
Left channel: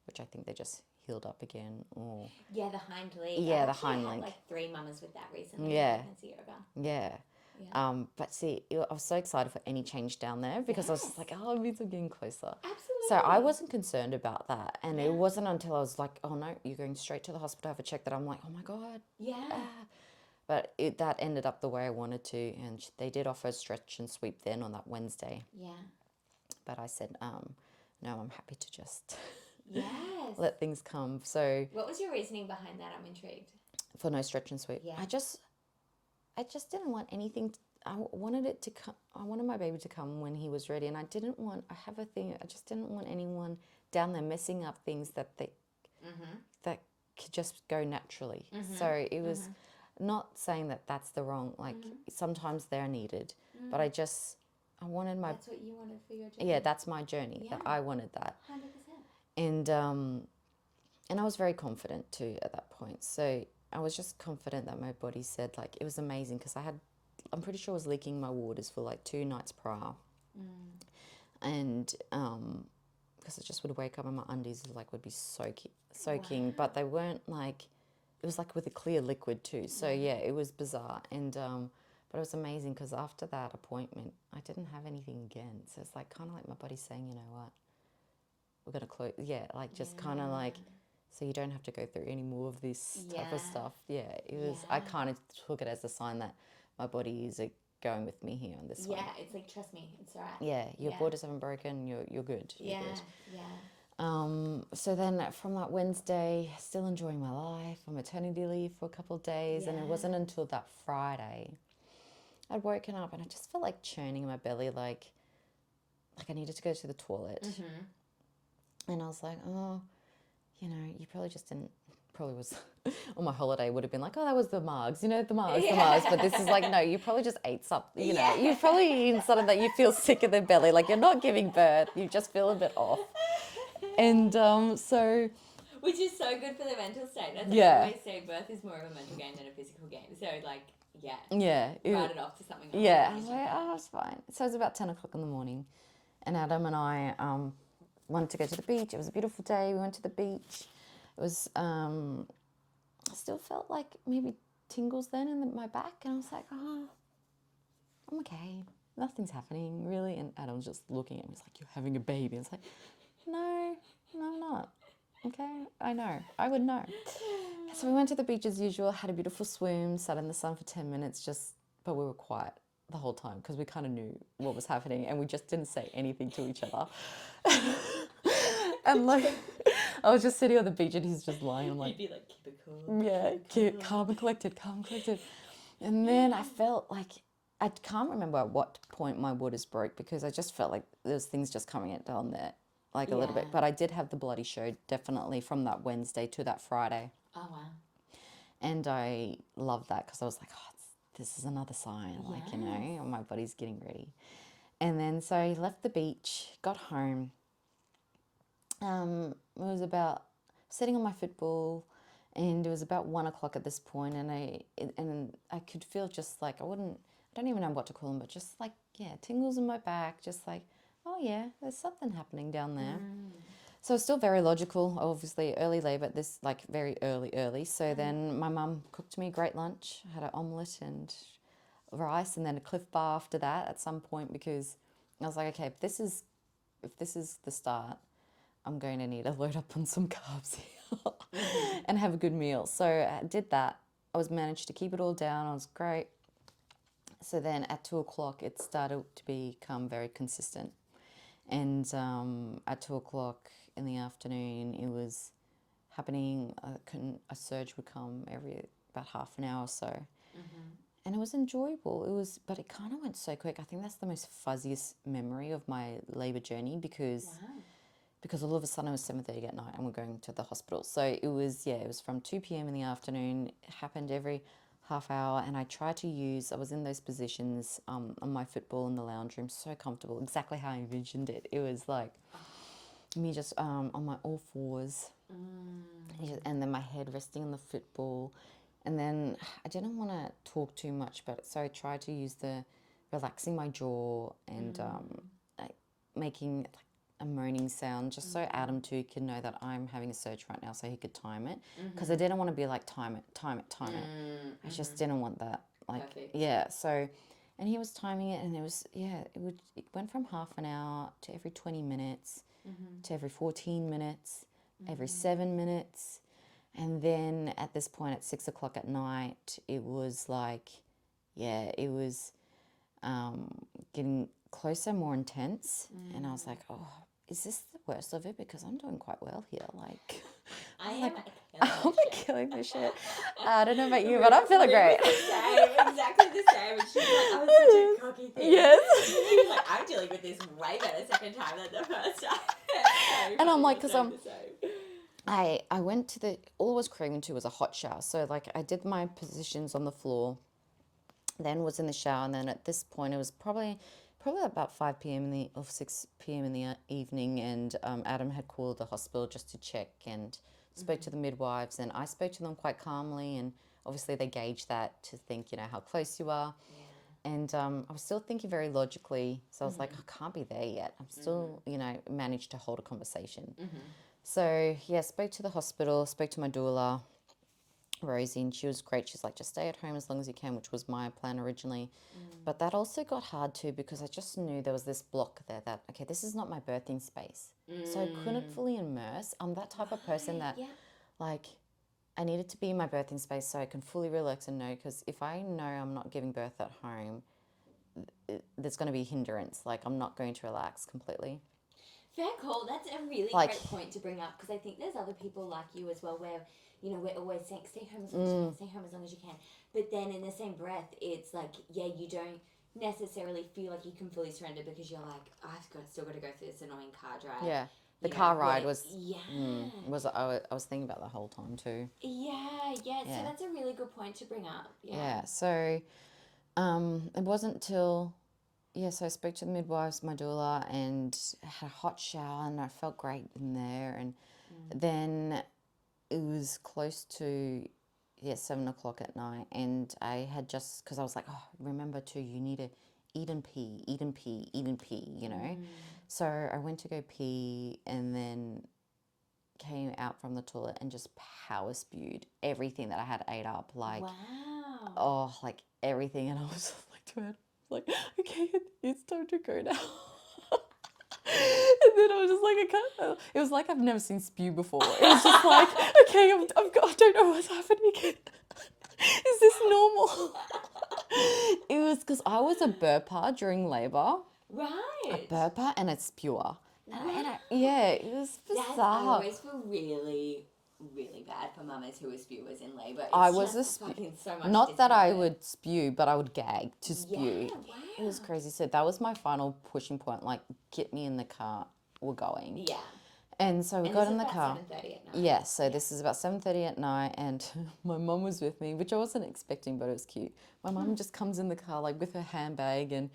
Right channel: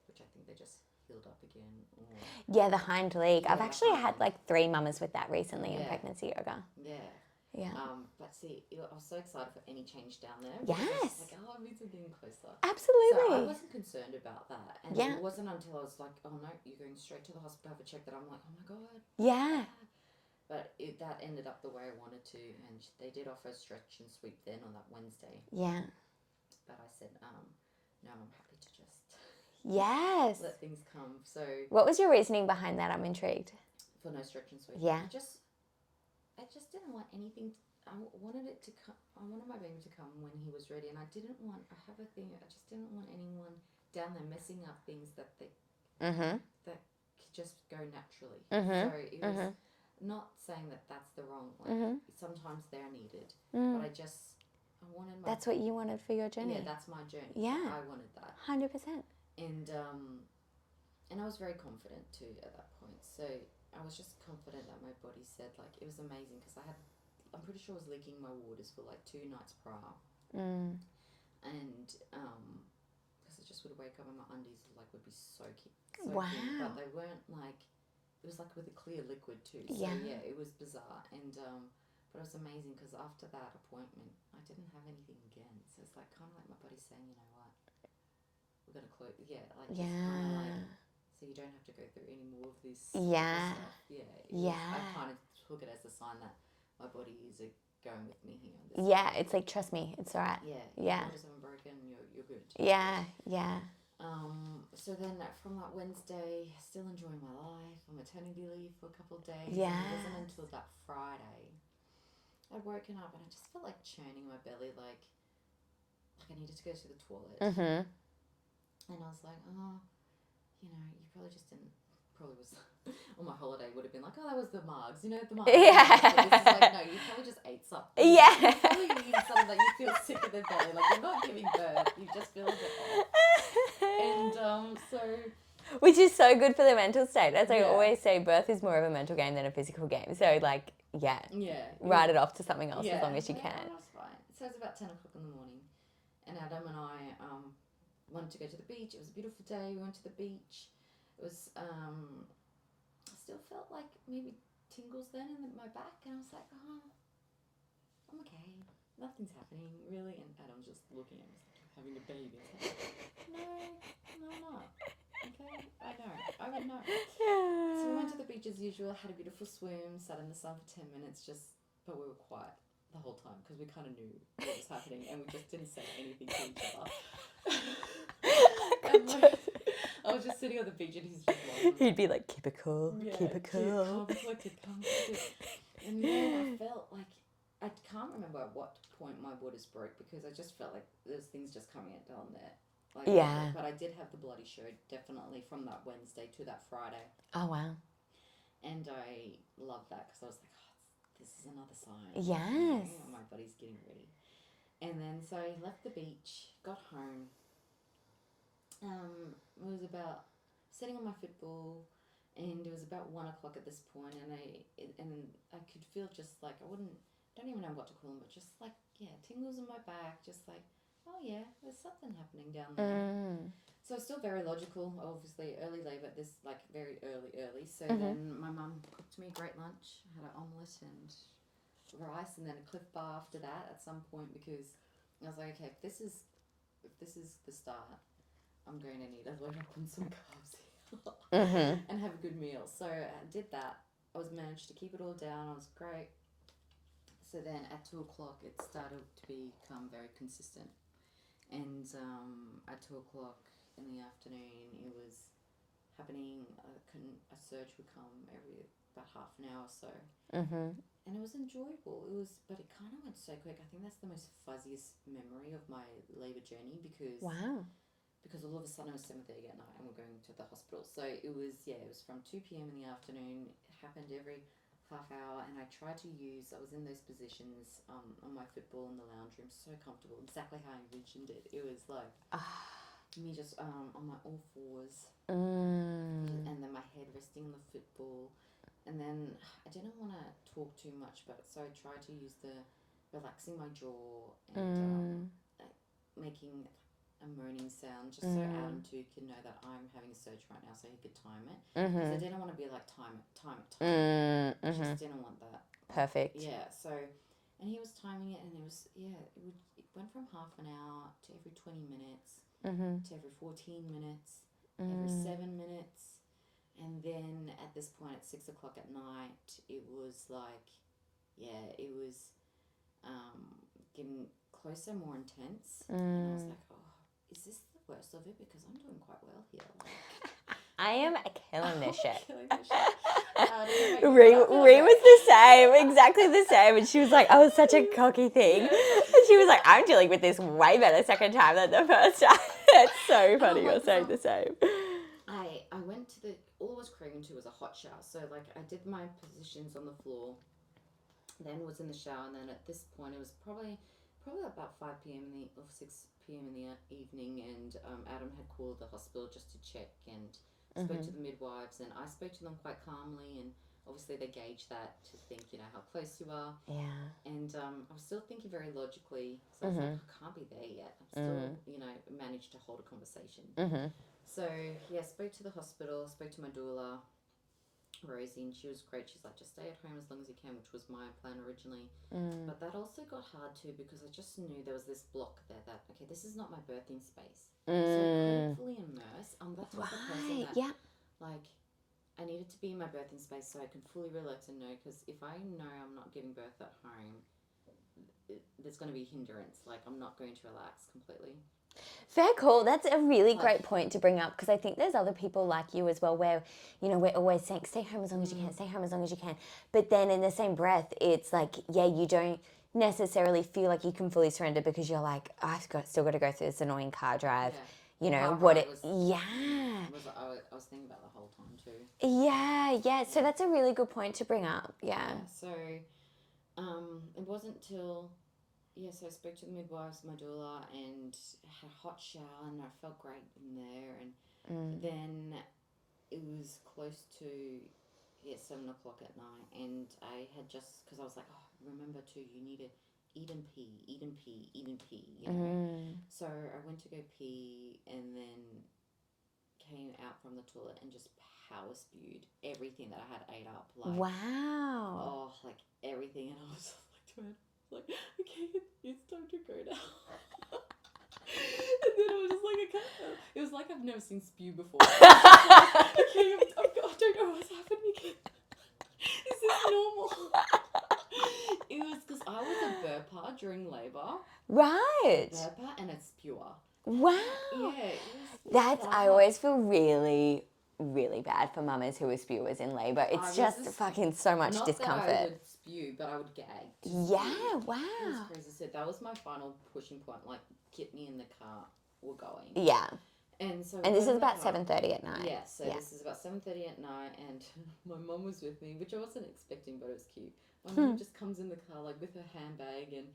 which I think they just healed up again. Or Yeah, the hind leg. Yeah, I've the actually hind had leg. like 3 mamas with that recently in pregnancy yoga. Yeah. Yeah. But see, I was so excited for any change down there, because I was just like, oh, it means I'm getting closer. Absolutely. So I wasn't concerned about that. And Yeah. it wasn't until I was like, oh no, you're going straight to the hospital to have a check, that I'm like, oh my God. Yeah. But that ended up the way I wanted to. And they did offer a stretch and sweep then on that Wednesday. Yeah. But I said, no, I'm happy to just Yes. let things come. So What was your reasoning behind that? I'm intrigued. for no stretch and sweep, Yeah. I just didn't want anything. I wanted it to come. I wanted my baby to come when he was ready, and I didn't want. I have a thing. I just didn't want anyone down there messing up things that that could just go naturally. So it was not saying that that's the wrong. Like sometimes they're needed, but I wanted my. That's what you wanted for your journey. Yeah, that's my journey. Yeah. I wanted that. 100%. And I was very confident too at that point. So I was just confident that my body said, like, it was amazing because I'm pretty sure I was leaking my waters for like 2 nights prior. And because I just would wake up and my undies would be soaking, Wow. but they weren't like, it was like with a clear liquid too. So yeah, it was bizarre. And but it was amazing because after that appointment, I didn't have anything again. So it's like kind of like my body's saying, you know what, we're gonna close. Yeah, like just kind of like, so you don't have to go through any more of this other stuff. Yeah, it was. I kind of took it as a sign that my body is going with me here on this. Yeah, it's like, trust me, it's all right. Yeah, your borders haven't broken. You're good. Yeah, yeah. So then from that Wednesday, still enjoying my life on maternity leave for a couple of days, and it wasn't until that Friday I'd woken up and I just felt like churning in my belly, like I needed to go to the toilet. And I was like, oh, you probably just didn't. Probably was on my holiday would have been like, oh, that was the margs, the margs. But this is like, no, you probably just ate something. You're probably eating something that you feel sick in the belly, like you're not giving birth, you just feel a bit off. And so, which is so good for the mental state. As I always say, birth is more of a mental game than a physical game. So write it off to something else as long as you can. Oh, that's fine. So it was about 10 o'clock in the morning, and Adam and I wanted to go to the beach. It was a beautiful day. We went to the beach. It was, I still felt like maybe tingles then in my back. And I was like, oh, I'm okay. Nothing's happening, really. And Adam's just looking at me. He's like, you're having a baby. It's like, no, I'm not. Okay, I know. I would know. So we went to the beach as usual, had a beautiful swim, sat in the sun for 10 minutes, but we were quiet the whole time because we kind of knew what was happening and we just didn't say anything to each other. And I was just sitting on the beach and he's just lying. He'd be like, keep it cool. Yeah, calm and collected. And then I felt like, I can't remember at what point my waters broke because I just felt like there was things just coming down there, like a little bit. But I did have the bloody show definitely from that Wednesday to that Friday. Oh, wow. And I loved that because I was like, oh, this is another sign. Yes. Like, my body's getting ready. And then so I left the beach, got home. It was about sitting on my football, and it was about 1 o'clock at this point, and I could feel just like I don't even know what to call them, but just like tingles in my back, just like, oh yeah, there's something happening down there. So it's still very logical, obviously early labour, this like very early. So then my mum cooked me a great lunch. I had an omelette and rice, and then a Cliff Bar after that at some point because I was like, okay, if this is the start, I'm going to need to load up on some carbs here and have a good meal. So I did that. I managed to keep it all down. I was great. So then at 2 o'clock, it started to become very consistent. And at 2 o'clock in the afternoon, it was happening. A surge would come every about half an hour or so. And it was enjoyable. But it kind of went so quick. I think that's the most fuzziest memory of my labour journey because all of a sudden it was 7:30 at night and we're going to the hospital. So it was from 2 p.m. in the afternoon. It happened every half hour, and I was in those positions on my football in the lounge room, so comfortable, exactly how I envisioned it. It was like me just on my all fours, and then my head resting on the football. And then I didn't want to talk too much, so I tried to use relaxing my jaw and making a moaning sound, just so Adam too could know that I'm having a surge right now, so he could time it. Because I didn't want to be like, time it. I just didn't want that. Perfect. Yeah. So, and he was timing it, and it went from half an hour to every 20 minutes, to every 14 minutes, every 7 minutes. And then at this point at 6 o'clock at night, it was like, it was getting closer, more intense. And I was like, oh, is this the worst of it because I'm doing quite well here. Like, I am killing this shit. killing this shit. I don't know about you, Rue but I'm feeling was great. the same, exactly the same. And she was like, "Oh, it's such a cocky thing." Yes. And she was like, "I'm dealing with this way better second time than the first time." It's so funny. I'm like, You're 'cause saying the same. I went to all I was craving to was a hot shower. So like I did my positions on the floor, then was in the shower, and then at this point it was probably about 5 p.m. or 6 p.m. in the evening, and Adam had called the hospital just to check and spoke to the midwives, and I spoke to them quite calmly, and obviously they gauge that to think, you know, how close you are. Yeah. And I was still thinking very logically, so I was like, I can't be there yet. I'm still, you know, managed to hold a conversation. So yeah, spoke to the hospital, spoke to my doula, Rosie, and she was great. She's like, just stay at home as long as you can, which was my plan originally. But that also got hard too because I just knew there was this block there that, okay, this is not my birthing space. So I couldn't fully immerse. I'm that type of person that, like, I needed to be in my birthing space so I can fully relax and know, because if I know I'm not giving birth at home, there's going to be a hindrance. Like, I'm not going to relax completely. Fair call. That's a really Like- great point to bring up, because I think there's other people like you as well where, you know, we're always saying stay home as long as you can, stay home as long as you can. But then in the same breath, it's like, yeah, you don't necessarily feel like you can fully surrender because you're like, still got to go through this annoying car drive. Yeah. You The know, car what ride it was, yeah. I was thinking about the whole time too. Yeah. So Yeah. that's a really good point to bring up. Yeah. So it wasn't till, so I spoke to the midwives, my doula, and had a hot shower, and I felt great in there. And then it was close to 7 o'clock at night, and I had just, because I was like, oh, remember too, you need to eat and pee, you know. So I went to go pee, and then came out from the toilet and just power spewed everything that I had ate up, like Wow. like everything. And I was just like to her, like, okay, it's time to go now. And then I was just like, I can't. It was like I've never seen spew before. It was just like, okay, I don't know what's happening. Is this normal? It was because I was a burper during labour. Right. Burper and a spewer. Wow. Yeah, it was I bizarre. always feel really, really bad for mamas who are spewers in labour. It's just fucking so much Not discomfort. that I would spew, but I would gag to spew. Yeah, wow. It was crazy. So that was my final pushing point. Like, get me in the car. We're going. Yeah. And so we And got this in is the about car. 7:30 at night. Yeah, so this is about 7:30 at night, and my mum was with me, which I wasn't expecting, but it was cute. My mum just comes in the car, like, with her handbag, and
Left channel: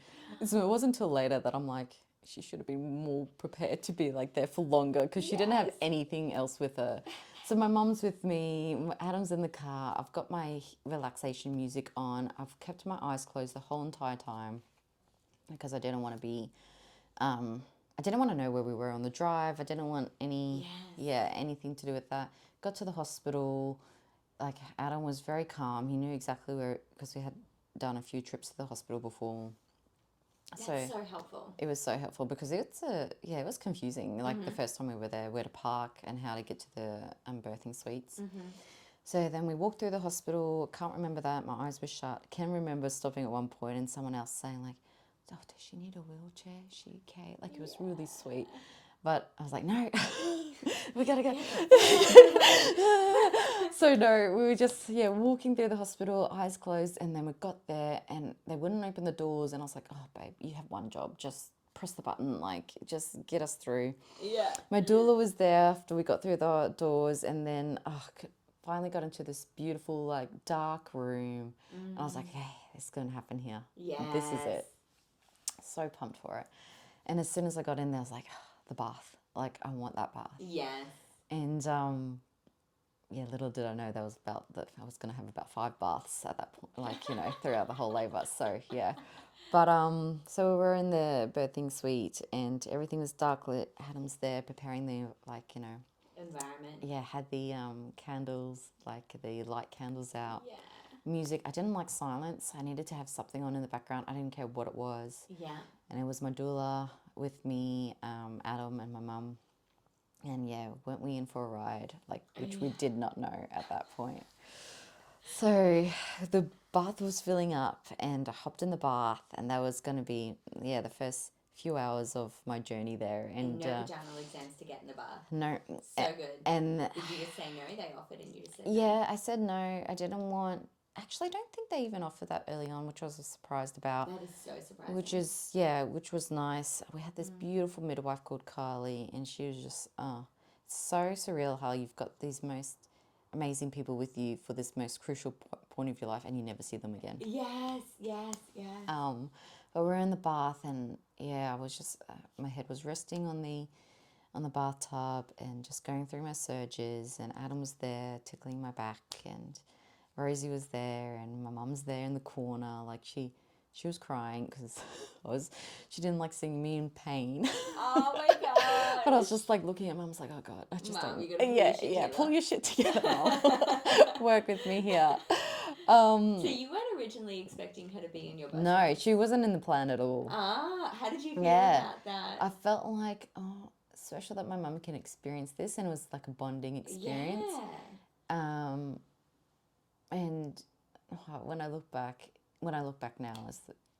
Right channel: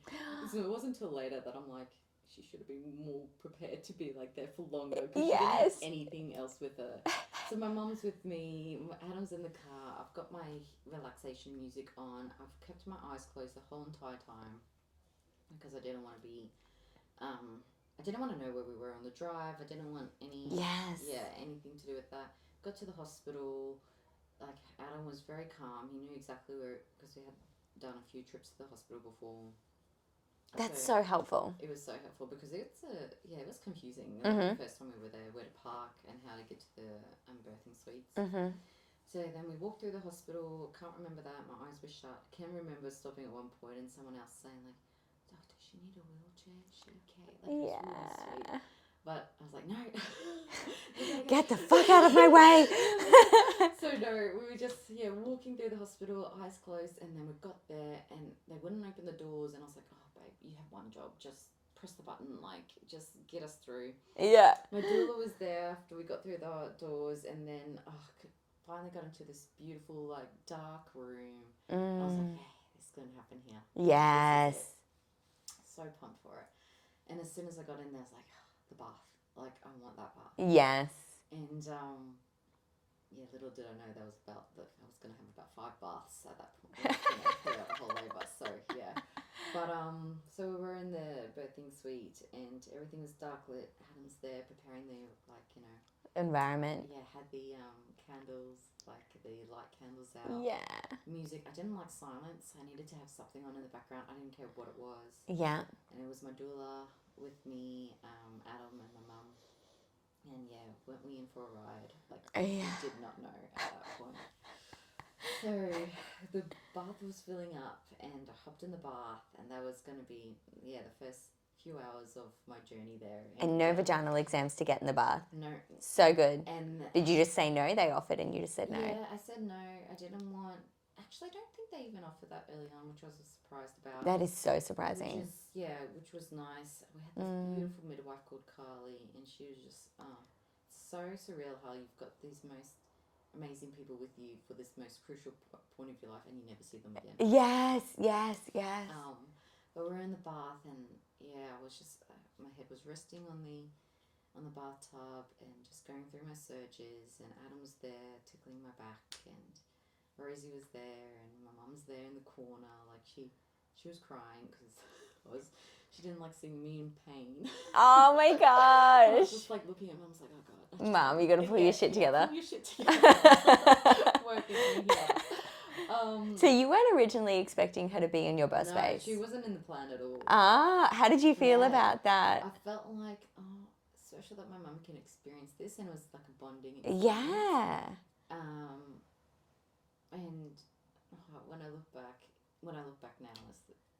so it wasn't until later that I'm like, she should have been more prepared to be, like, there for longer, because she didn't have anything else with her. So my mum's with me, Adam's in the car, I've got my relaxation music on, I've kept my eyes closed the whole entire time, because I didn't want to be... I didn't want to know where we were on the drive. I didn't want anything to do with that. Got to the hospital. Like, Adam was very calm. He knew exactly where, because we had done a few trips to the hospital before. That's so helpful. It was so helpful because it was confusing. Like the first time we were there, where to park and how to get to the birthing suites. So then we walked through the hospital. Can't remember that. My eyes were shut. Can remember stopping at one point and someone else saying, like, oh, does she need a wheelchair? Is she okay? Like, it was really sweet. But I was like, no, we gotta go. Get the fuck out of my way. So no, we were just, walking through the hospital, eyes closed, and then we got there and they wouldn't open the doors. And I was like, oh, babe, you have one job. Just press the button, like, just get us through. Yeah. My doula was there after we got through the doors, and then finally got into this beautiful, like, dark room. And I was like, hey, this is going to happen here. Yes. This is it. So pumped for it. And as soon as I got in there, I was like, the bath. Like, I want that bath. Yes. And little did I know I was going to have about 5 baths at that point, like, throughout the whole labour. So, yeah. But, so we were in the birthing suite and everything was dark lit. Adam's there preparing the, environment. Yeah, had the candles, like the light candles out. Yeah. Music. I didn't like silence. I needed to have something on in the background. I didn't care what it was. Yeah. And it was my doula with me, Adam and my mum. And weren't we in for a ride? Like, which we did not know at that point. So the bath was filling up and I hopped in the bath and that was going to be, the first few hours of my journey there. And no vaginal exams to get in the bath. No. So good. And did you just say no? They offered and you just said no? Yeah, I said no. I didn't want... Actually, I don't think they even offered that early on, which I was surprised about. That is so surprising. Which was nice. We had this beautiful midwife called Carly, and she was just, so surreal how you've got these most amazing people with you for this most crucial point of your life, and you never see them again. Yes. But we're in the bath, and I was just, my head was resting on the bathtub and just going through my surges, and Adam was there tickling my back, and Rosie was there, and my mum's there in the corner. Like she was crying because she didn't like seeing me in pain. Oh my God. But I was just like looking at Mum, I was like, oh God. Mum, you got to pull your shit together. Pull your shit together. Work with me here. So you weren't originally expecting her to be in your birth space? No, she wasn't in the plan at all. How did you feel about that? I felt like, special that my mum can experience this, and it was like a bonding experience. Yeah. And when I look back now,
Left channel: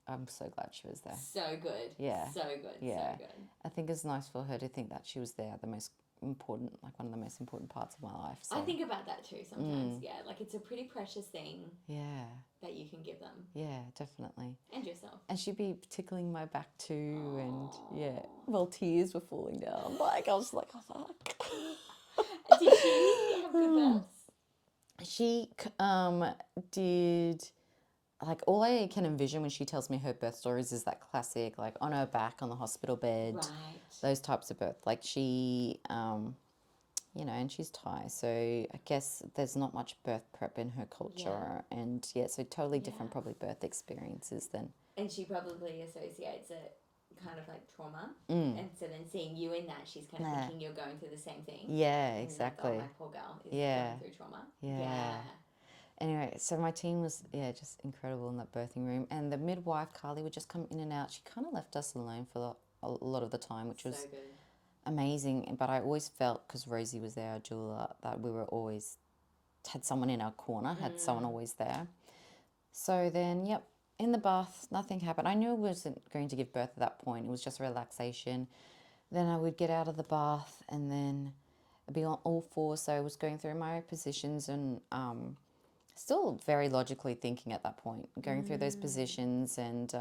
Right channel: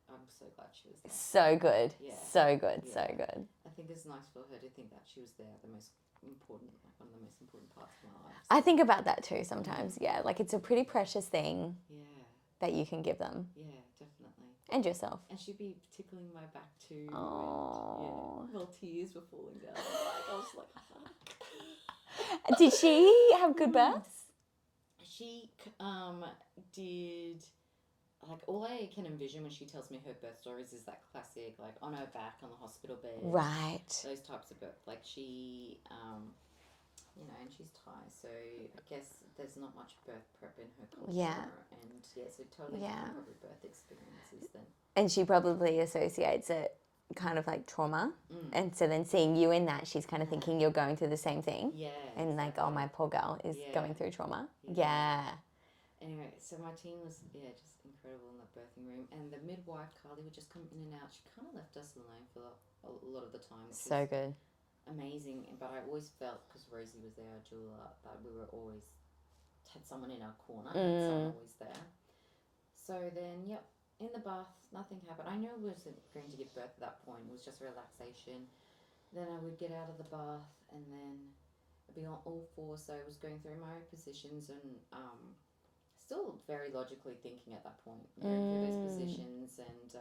I'm so glad she was there. So good. Yeah. So good. Yeah. So good. I think it's nice for her to think that she was there, the most important, like one of the most important parts of my life. So. I think about that too sometimes. Yeah. Like it's a pretty precious thing. Yeah. That you can give them. Yeah, definitely. And yourself. And she'd be tickling my back too. Aww. And well, tears were falling down. Like I was like, oh, fuck. Did she have good births? She did, like, all I can envision when she tells me her birth stories is that classic, like, on her back on the hospital bed. Right. Those types of birth. Like, she, and she's Thai, so I guess there's not much birth prep in her culture. Yeah. And, so totally different probably birth experiences than... And she probably associates it kind of like trauma. And so then seeing you in that, she's kind of thinking you're going through the same thing. Yeah, and exactly. like, oh, my poor girl is going through trauma. Yeah. Anyway, so my team was, just incredible in that birthing room. And the midwife, Carly, would just come in and out. She kind of left us alone for a lot of the time, which was good. Amazing. But I always felt, because Rosie was there, our doula, that we were always, had someone in our corner, had someone always there. So then, in the bath, nothing happened. I knew I wasn't going to give birth at that point. It was just relaxation. Then I would get out of the bath and then I'd be on all fours. So I was going through my positions and still very logically thinking at that point, going through those positions. And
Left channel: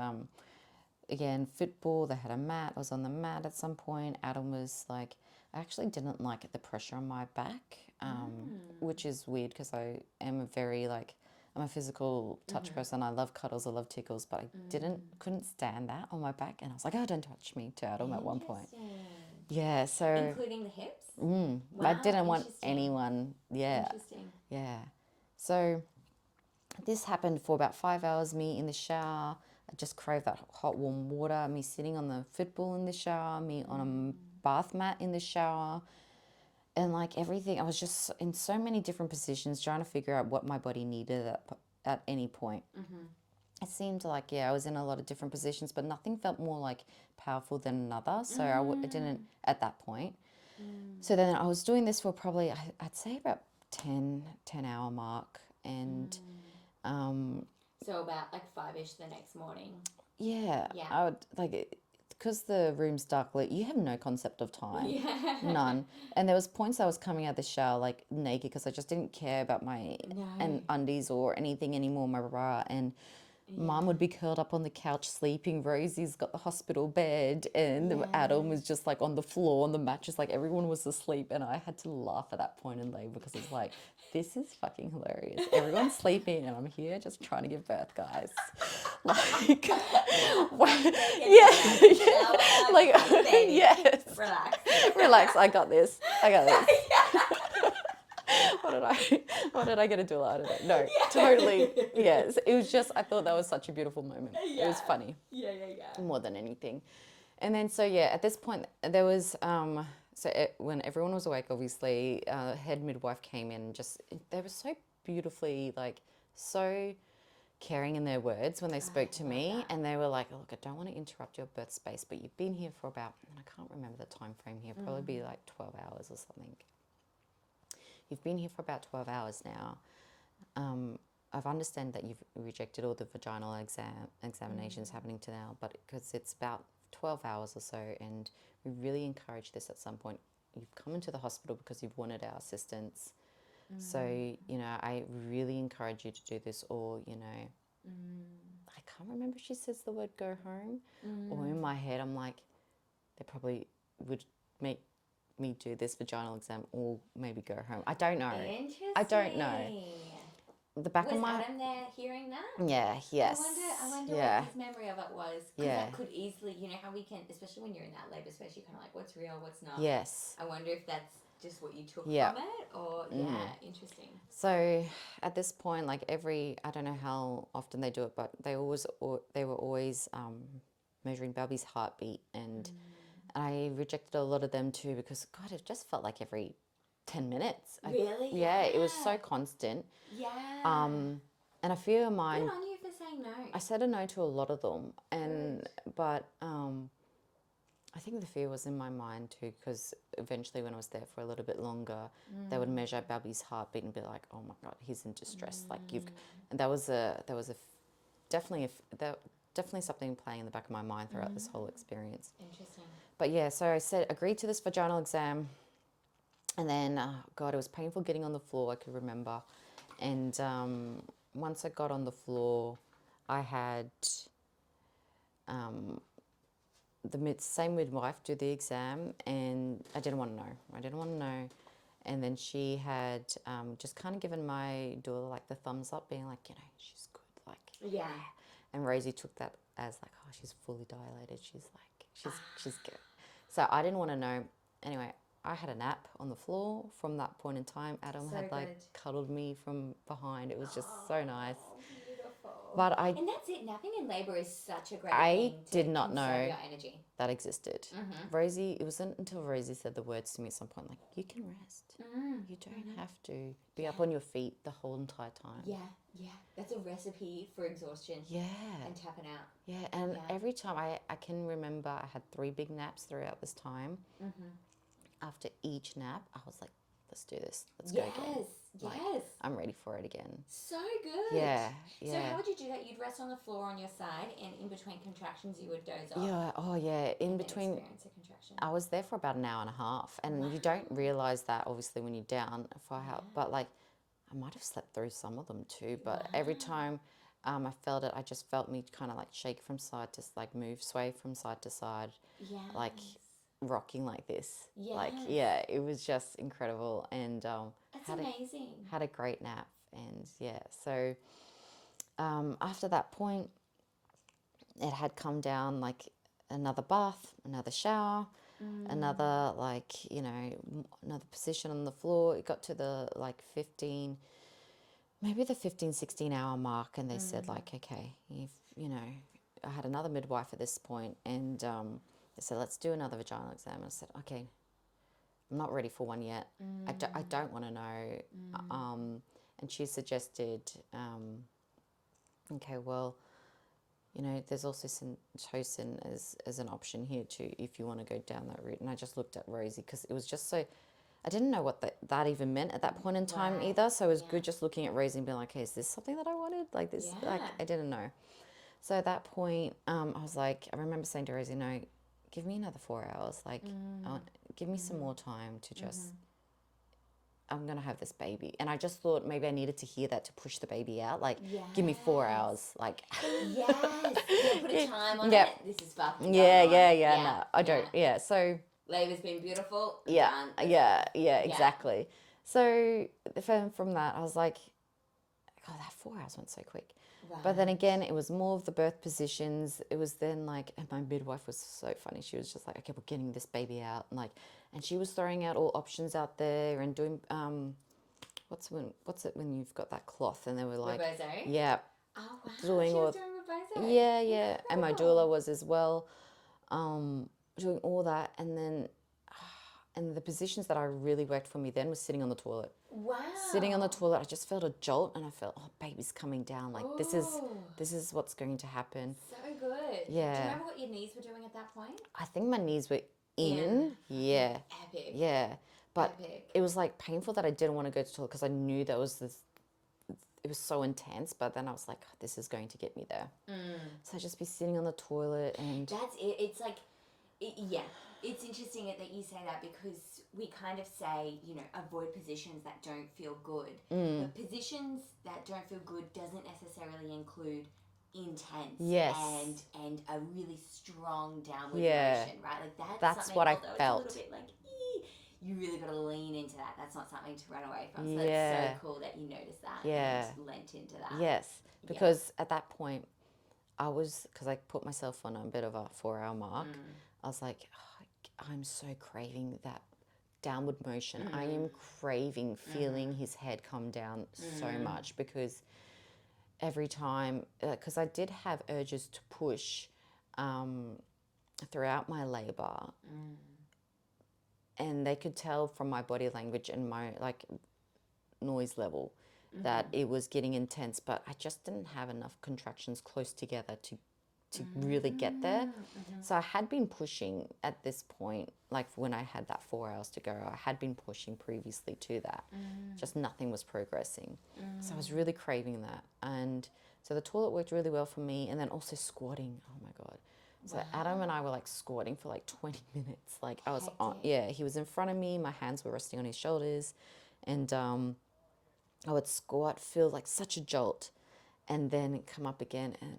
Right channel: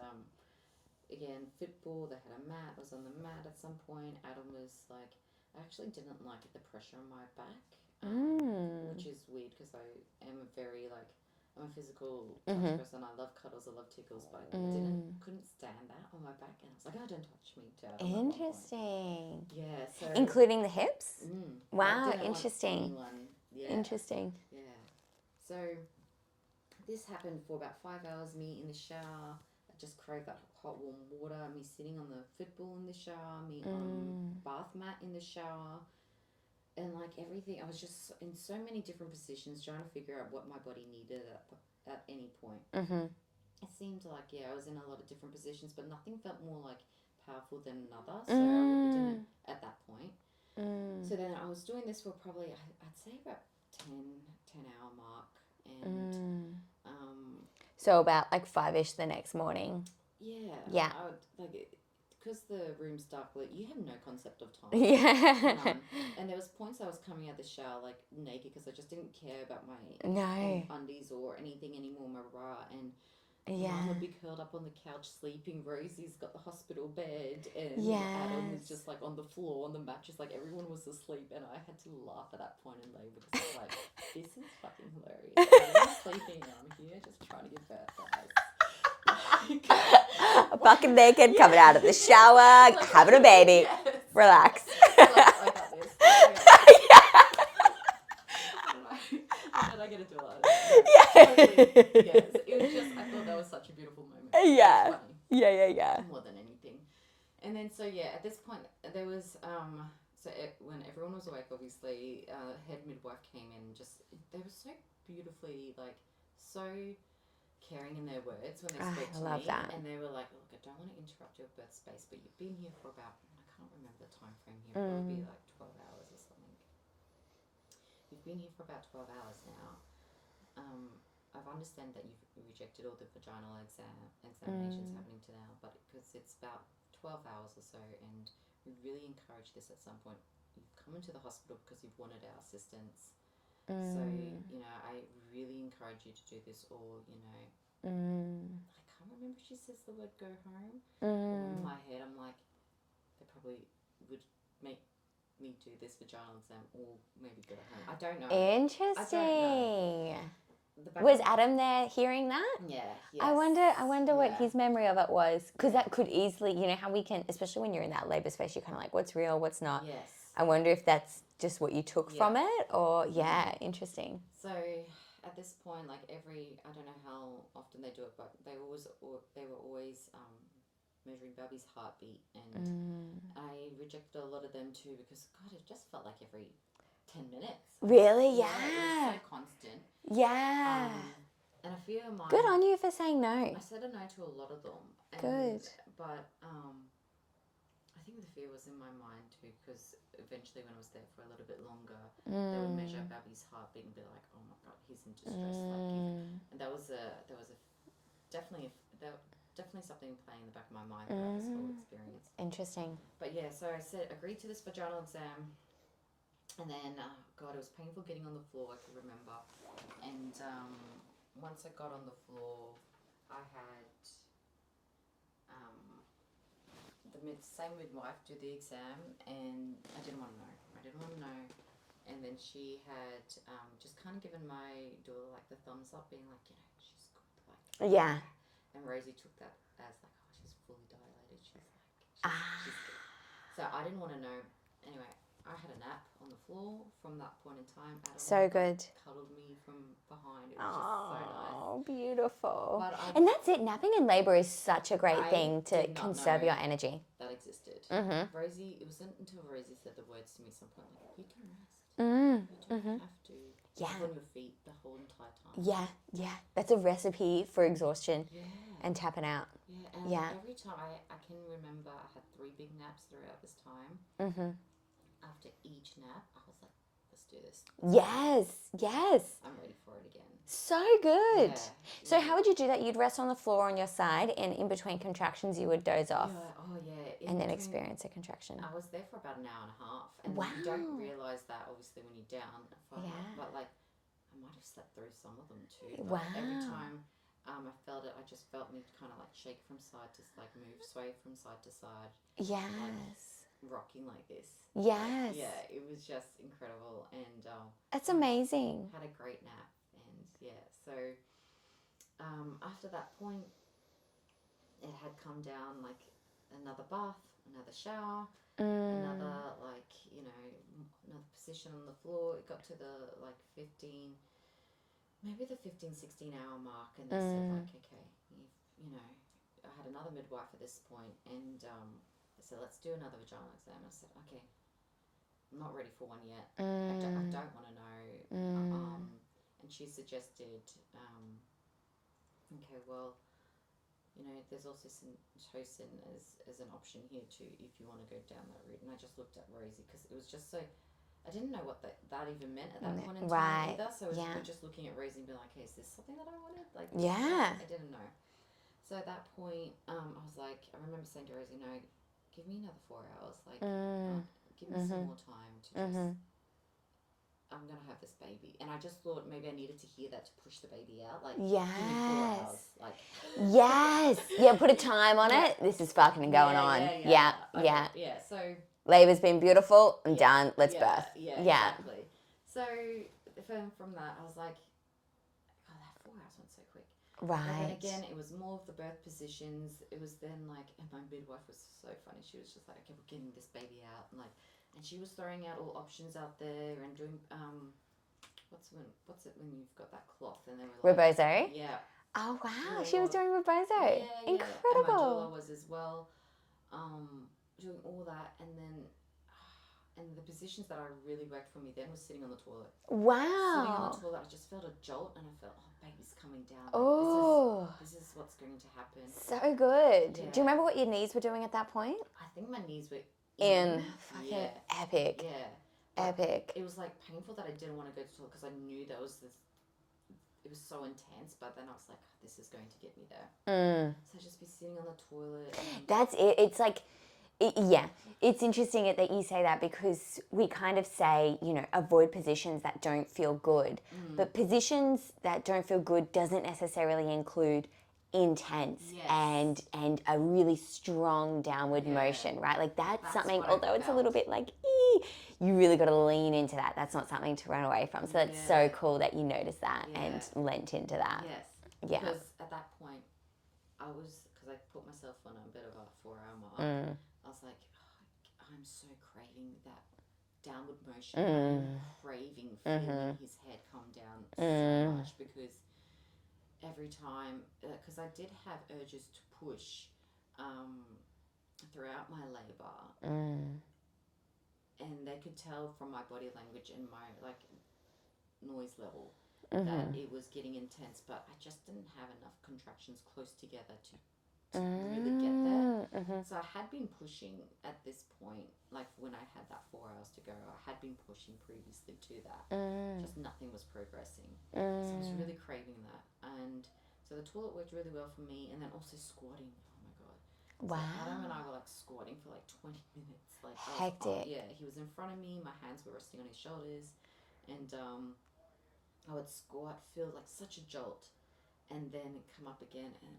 again, football, they had a mat. I was on the mat at some point. Adam was like, I actually didn't like the pressure on my back, which is weird because I am I'm a physical touch person. I love cuddles, I love tickles, but I couldn't stand that on my back. And I was like, oh, don't touch me to Adam at one point. Interesting. Yeah, so... Including the hips? Wow, I didn't want anyone. Yeah. Interesting. Yeah. So this happened for about 5 hours, me in the shower. I just craved that hot, warm water, me sitting on the football in the shower, me on a bath mat in the shower. And like everything, I was just in so many different positions trying to figure out what my body needed at any point. It seemed like, I was in a lot of different positions, but nothing felt more like powerful than another. So I didn't at that point. So then I was doing this for probably, I'd say about 10-hour mark. And so about like 5-ish the next morning. Yeah. Yeah. I would like because the room's dark lit, you have no concept of time. Yeah. None. And there was points I was coming out of the shower like naked because I just didn't care about my undies or anything anymore, my bra. And Mum would be curled up on the couch sleeping. Rosie's got the hospital bed, and Adam was just like on the floor on the mattress. Like everyone was asleep, and I had to laugh at that point in labour because it's like, this is fucking hilarious. Everyone's sleeping, and I'm here just trying to give birth, guys. Like, fucking naked, coming out of the shower, like, having a baby. Yes. Relax. I got this. What did I get to do out of it? No, totally. Yes. It was just, I thought that was such a beautiful moment. Yeah. It was funny. Yeah. More than anything. And then, so at this point, there was, when everyone was awake, obviously, head midwife came in, they were so beautifully, so caring in their words when they spoke to me. That. And they were like, look, I don't want to interrupt your birth space, but you've been here for about, I can't remember the time frame here, probably be like 12 hours or something. You've been here for about 12 hours now. I've understand that you've rejected all the vaginal examinations happening to now, but because it's about 12 hours or so, and we really encourage this at some point. You've come into the hospital because you've wanted our assistance. So, you know, I really encourage you to do this, or, you know, I can't remember if she says the word go home, or in my head, I'm like, they probably would make me do this vaginal exam or maybe go home. I don't know. Interesting. I don't know. The back Was of my... Adam there hearing that? Yeah, yes. I wonder what his memory of it was. Because Yeah. that could easily, you know, how we can, especially when you're in that labour space, you're kind of like, what's real, what's not. Yes. I wonder if that's just what you took from it, or, interesting. So at this point, like I don't know how often they do it, but they were always measuring Bubby's heartbeat, and I rejected a lot of them too because, God, it just felt like every 10 minutes. Really? Yeah, it was so constant. Yeah. And I feel Good on you for saying no. I said a no to a lot of them. Good. But I think the fear was in my mind too, because eventually when I was there for a little bit longer, they would measure Bubby's heartbeat and be like, "Oh my God, he's in distress." Like and that was definitely something playing in the back of my mind throughout this whole experience. Interesting. But yeah, so I agreed to this vaginal exam, and then God, it was painful getting on the floor. I could remember, and once I got on the floor, I had the same midwife do the exam, and I didn't want to know. And then she had just kind of given my doula like the thumbs up, being like, you know, she's good, like. Yeah. And Rosie took that as like, oh, she's fully dilated. She's good. So I didn't want to know. Anyway, I had a nap on the floor from that point in time. Adam had, like, cuddled me from behind. It was just so nice. Oh, beautiful. But and that's it. Napping in labour is such a great thing to conserve your energy. That existed. Rosie, it wasn't until Rosie said the words to me at some point, like, you can rest. You don't have to be up on your feet the whole entire time. Yeah. That's a recipe for exhaustion. Yeah. And tapping out. Yeah, and every time I can remember I had 3 big naps throughout this time. After each nap, I was like, let's do this. Yes. I'm ready for it again. So good. Yeah. So how would you do that? You'd rest on the floor on your side, and in between contractions, you would doze off. Yeah. Oh, yeah. And then experience a contraction. I was there for about an hour and a half, and you don't realise that obviously when you're down for help. But like, I might have slept through some of them too. But every time I felt it, I just felt me kind of like shake from side to like sway from side to side. Yeah. Like rocking like this. Yes. Like, yeah, it was just incredible, and that's amazing. Had a great nap, and so after that point, it had come down like another bath, another shower, another like, you know, another position on the floor. It got to the like 16 hour mark, and they said like, okay, you know, I had another midwife at this point, and they said, let's do another vaginal exam. And I said, okay, I'm not ready for one yet. I don't want to know. And she suggested, okay, well, you know, there's also syntocin as an option here too, if you want to go down that route. And I just looked at Rosie because it was just so, I didn't know what that even meant at that point in time either. So it was good just looking at Rosie and being like, hey, is this something that I wanted? Like this? Yeah. I didn't know. So at that point, I was like, I remember saying to Rosie, no, give me another 4 hours. Like, give me some more time to just, I'm going to have this baby. And I just thought maybe I needed to hear that to push the baby out. Like, give me 4 hours. Like, yes. Yeah, put a time on it. This is fucking going on. Yeah. So labour's been beautiful. I'm done. Let's birth. Yeah, exactly. So from that, I was like, God, that 4 hours went so quick. Right. But then again, it was more of the birth positions. It was then like, and my midwife was so funny. She was just like, okay, we're getting this baby out. And she was throwing out all options out there and doing, what's it when you've got that cloth? And they were like. Rebozo? Yeah. Oh, wow. She was doing rebozo. Yeah. Incredible. And my doula was as well, doing all that. And then, and the positions that I really worked for me then was sitting on the toilet. Wow. Sitting on the toilet, I just felt a jolt, and I felt, oh, baby's coming down. Like, this is what's going to happen. So good. Yeah. Do you remember what your knees were doing at that point? I think my knees were in. Yeah. Epic. Yeah. But Epic. it was like painful that I didn't want to go to the toilet because I knew that was it was so intense, but then I was like, this is going to get me there. So I'd just be sitting on the toilet and That's it. It's like, yeah, it's interesting that you say that, because we kind of say, you know, avoid positions that don't feel good. But positions that don't feel good doesn't necessarily include intense Yes. and a really strong downward motion, right? Like that's something, what I although it's a little felt. bit like, you really got to lean into that. That's not something to run away from. So that's so cool that you noticed that and lent into that. Yes, because at that point, because I put myself on a bit of a 4-hour mark, I was like, I'm so craving that downward motion. I am craving feeling his head come down so much, because every time, because I did have urges to push throughout my labor, and they could tell from my body language and my like noise level that it was getting intense, but I just didn't have enough contractions close together to really get there. So I had been pushing at this point, like when I had that 4 hours to go, I had been pushing previously to that. Just nothing was progressing. So I was really craving that. And so the toilet worked really well for me, and then also squatting. Oh my God. So Adam and I were like squatting for like 20 minutes. Like I was on, he was in front of me, my hands were resting on his shoulders, and I would squat, feel like such a jolt, and then come up again. And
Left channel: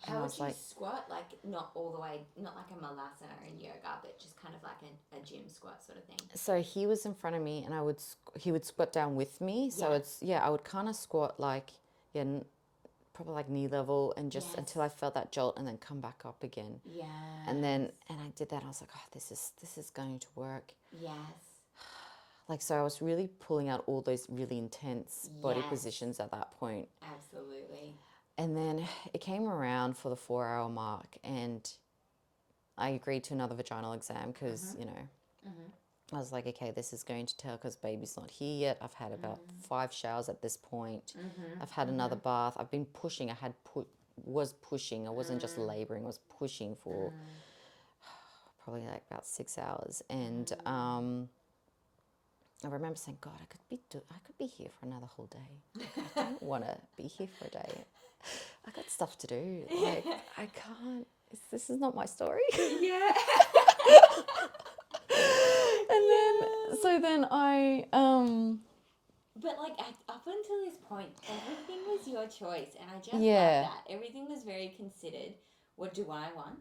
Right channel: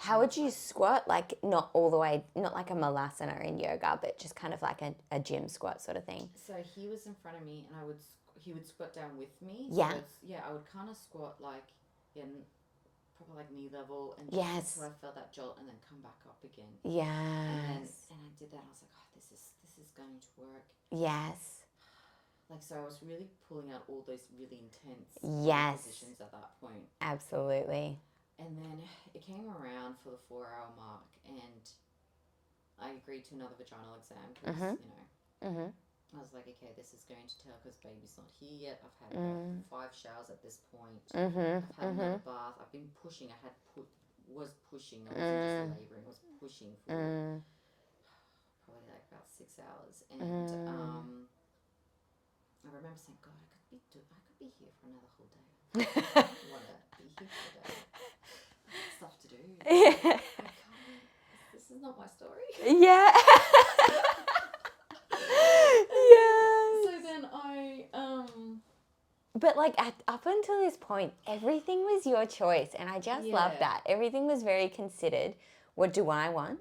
how would you squat? Like not all the way, not like a malasana in yoga, but just kind of like a gym squat sort of thing. So he was in front of me, and he would squat down with me. So I would kind of squat like probably like knee level, and just until I felt that jolt, and then come back up again. Yeah. And I did that. I was like, this is going to work. Yes. Like, so I was really pulling out all those really intense body positions at that point. Absolutely. And then it came around for the 4-hour mark, and I agreed to another vaginal exam because, you know, I was like, okay, this is going to tell because baby's not here yet. I've had about 5 showers at this point. I've had another bath. I've been pushing. Was pushing. I wasn't just laboring. I was pushing for probably like about 6 hours. And I remember saying, God, I could be here for another whole day. I don't want to be here for a day. I got stuff to do. Like, I can't. This is not my story. Yeah. So then I But like up until this point, everything was your choice, and I just love that. Everything was very considered. What do I want?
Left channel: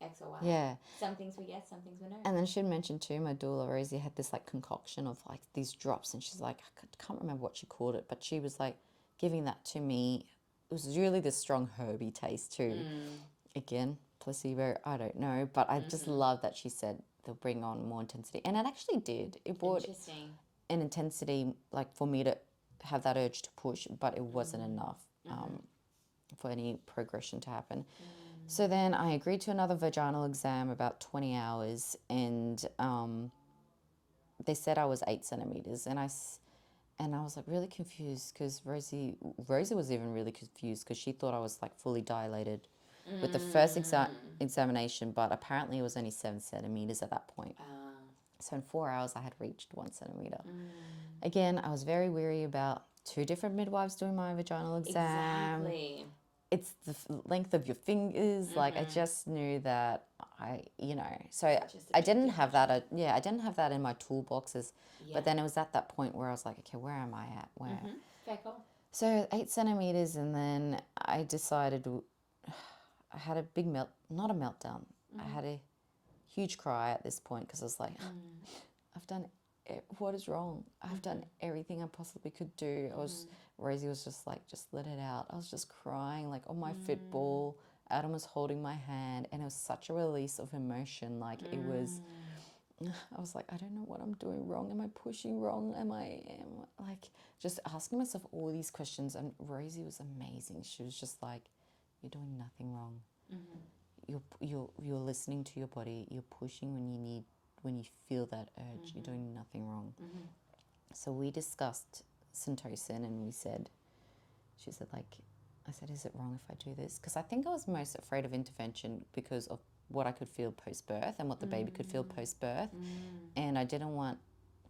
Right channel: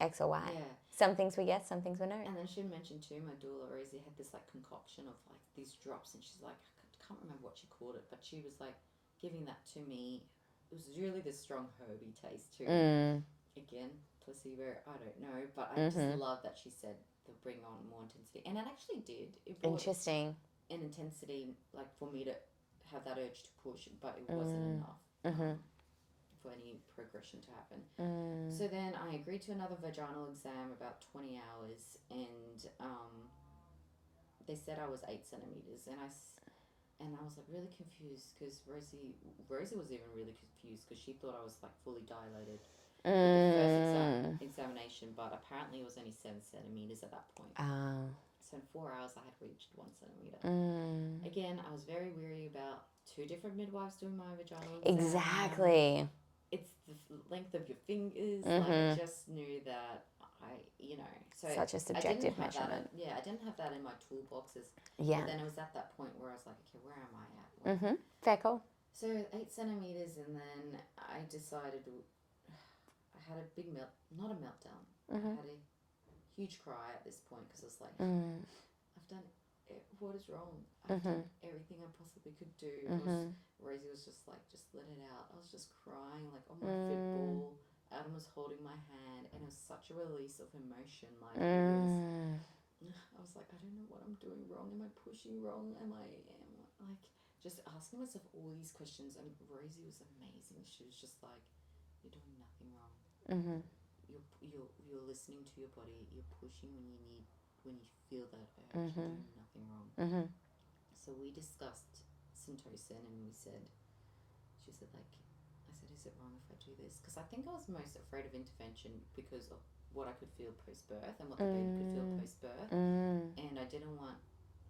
X or Y. Yeah. Some things were yes, some things were no. And then she mentioned too, my doula Rosie had this like concoction of like these drops, and she's like, I can't remember what she called it, but she was like giving that to me. It was really this strong herby taste too. Again, placebo, I don't know, but I just love that she said they'll bring on more intensity, and it actually did. It brought an intensity like for me to have that urge to push, but it wasn't enough for any progression to happen. So then I agreed to another vaginal exam, about 20 hours, and they said I was 8 centimeters, and I was like really confused because Rosie was even really confused because she thought I was like fully dilated with the first examination, but apparently it was only 7 centimeters at that point. So in 4 hours I had reached 1 centimeter. Again, I was very weary about 2 different midwives doing my vaginal exam. Exactly. It's the length of your fingers. Like I just knew that so I didn't have that. I didn't have that in my toolboxes. Yeah. But then it was at that point where I was like, okay, where am I at? Fair call. So 8 centimeters, and then I decided I had a big not a meltdown. I had a huge cry at this point because I was like, I've done what is wrong? I've done everything I possibly could do. Rosie was just like, just let it out. I was just crying like on my fit ball. Adam was holding my hand, and it was such a release of emotion. Like I was like, I don't know what I'm doing wrong. Am I pushing wrong? Am I like just asking myself all these questions? And Rosie was amazing. She was just like, you're doing nothing wrong. You're listening to your body. You're pushing when you feel that urge. You're doing nothing wrong. So we discussed Syntocin, and she said like, I said, is it wrong if I do this? Because I think I was most afraid of intervention because of what I could feel post-birth and what the baby could feel post-birth. And I didn't want,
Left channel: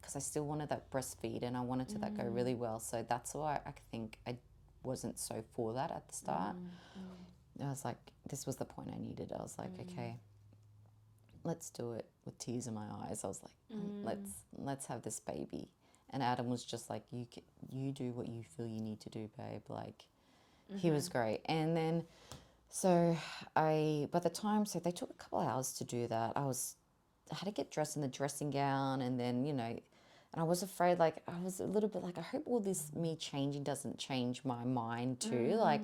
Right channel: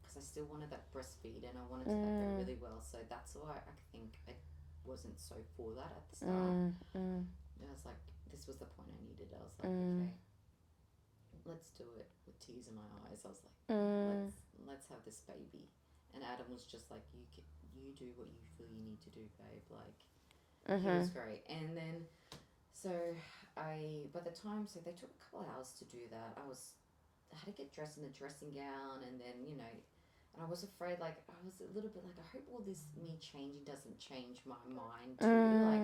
because I still wanted that breastfeed, and I wanted to that go really well. So that's why I think I wasn't so for that at the start. I was like, this was the point I needed. I was like, okay, let's do it with tears in my eyes. I was like, let's have this baby. And Adam was just like, you do what you feel you need to do, babe. Like, he was great. And then, so by the time, so they took a couple of hours to do that. I had to get dressed in the dressing gown, and then, and I was afraid, like, I was a little bit like, I hope all this me changing doesn't change my mind too, like,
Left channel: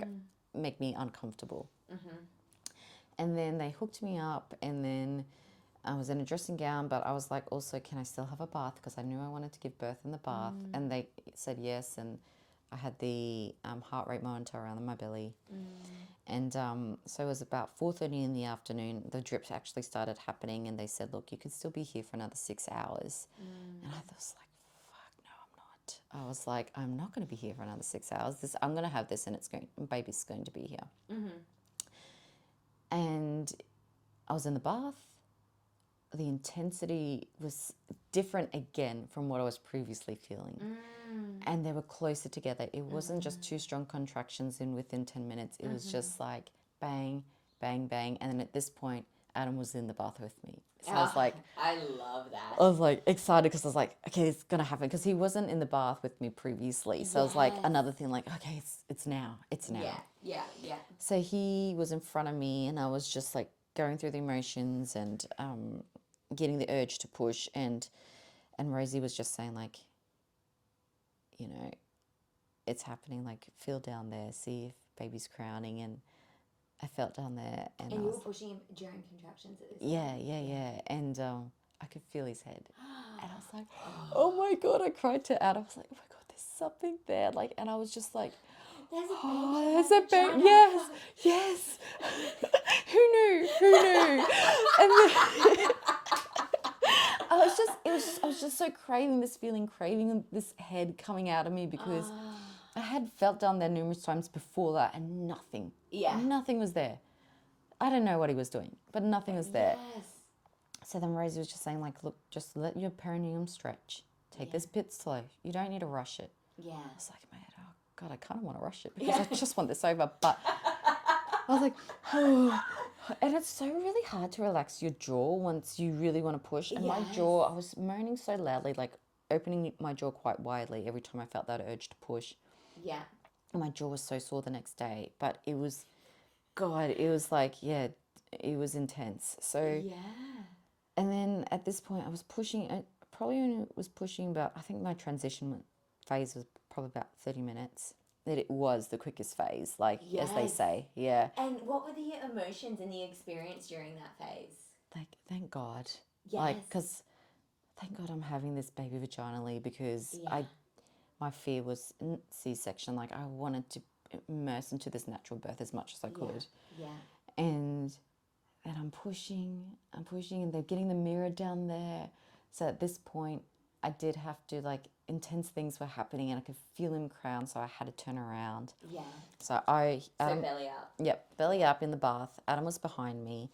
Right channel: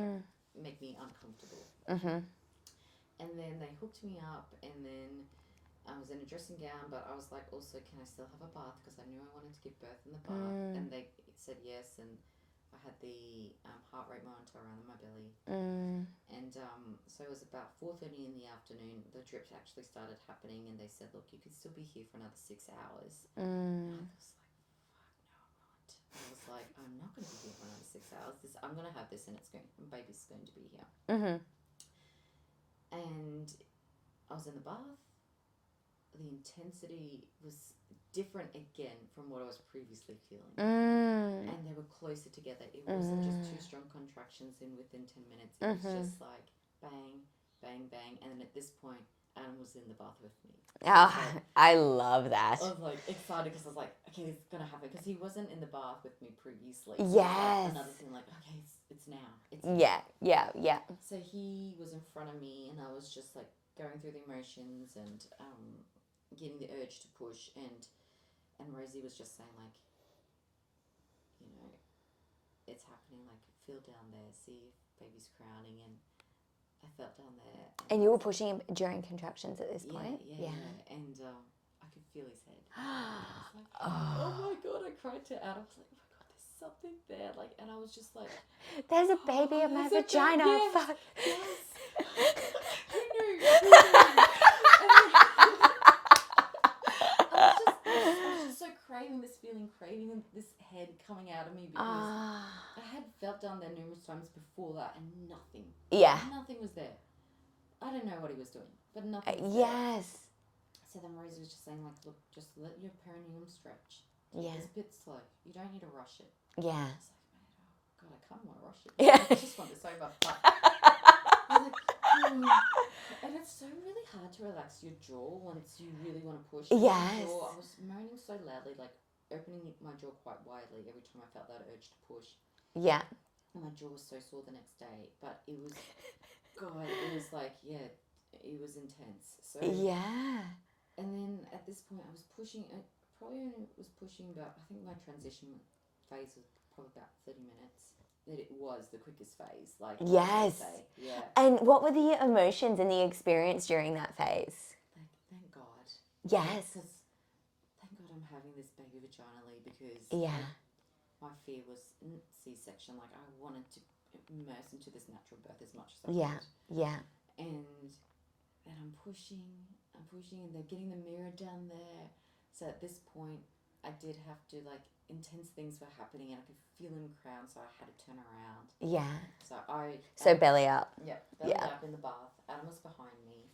make me uncomfortable. And then they hooked me up, and then I was in a dressing gown, but I was like, also, can I still have a bath? Because I knew I wanted to give birth in the bath. And they said yes, and I had the heart rate monitor around my belly. And so it was about 4:30 in the afternoon. The drips actually started happening, and they said, look, you could still be here for another 6 hours. And I was like, fuck, no, I'm not. I was like, I'm not going to be here for another 6 hours. I'm going to have this, and baby's going to be here. And I was in the bath. The intensity was different again from what I was previously feeling. And they were closer together. It wasn't just 2 strong contractions within 10 minutes. It was just like bang, bang, bang. And then at this point, Adam was in the bath with me. So I was like, I love that. I was like excited because I was like, okay, it's going to happen. Because he wasn't in the bath with me previously. So it was like another thing like, okay, it's now. It's now. Yeah. So he was in front of me, and I was just like going through the emotions and getting the urge to push, and Rosie was just saying, like, it's happening, like, feel down there, see if baby's crowning. And I felt down there, and you were pushing him during contractions at this point? Yeah. And I could feel his head, and I was like, oh my God, I cried to Adam. I was like, oh my God, there's something there, like, and I was just like, there's a baby in my vagina. Yes. Who knew? And then, I was just so craving this head coming out of me, because I had felt down there numerous times before that, and nothing was there. I don't know what he was doing, but nothing was there. Yes. So then Rosie was just saying, like, look, just let your perineum stretch. Take this bit slow. You don't need to rush it. Yeah. I was like, man, oh God, I kind of want to rush it, because I just want this over. But I was like, oh. And it's so really hard to relax your jaw once you really want to push. And my jaw, I was moaning so loudly, like opening my jaw quite widely every time I felt that urge to push. Yeah. And my jaw was so sore the next day. But it was, God, it was like, it was intense. So and then at this point, I was pushing. I probably only was pushing about, I think my transition phase was probably about 30 minutes. That it was the quickest phase, like as they say. Yeah. And what were the emotions and the experience during that phase? Like, thank God. Yes. Because thank God I'm having this baby vaginally, because my fear was C-section. Like, I wanted to immerse into this natural birth as much as I could. Yeah. And I'm pushing, and they're getting the mirror down there. So at this point, I did have to, like, intense things were happening, and I could feel him crown, so I had to turn around. Yeah. So belly up. Yep, belly up in the bath. Adam was behind me.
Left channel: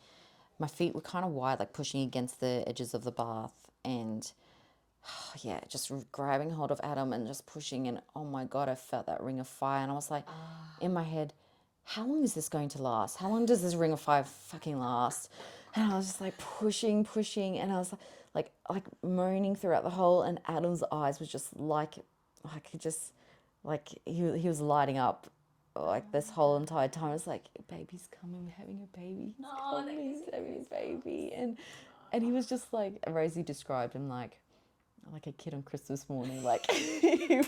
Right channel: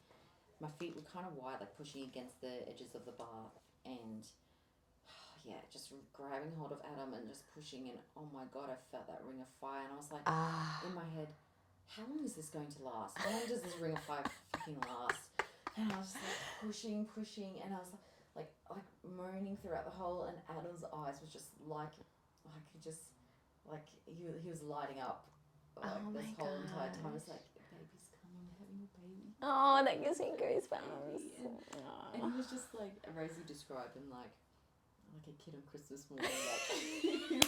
My feet were kind of wide, like pushing against the edges of the bath, and just grabbing hold of Adam and just pushing, and oh my God, I felt that ring of fire, and I was like, in my head, how long is this going to last? How long does this ring of fire fucking last? And I was just like pushing, and I was like moaning throughout the whole, and Adam's eyes was just like he was lighting up this whole entire time. I was like, baby's coming, we're having a baby. Oh, that gives me his baby. And he was just like, Rosie described him like a kid on Christmas morning. Like, he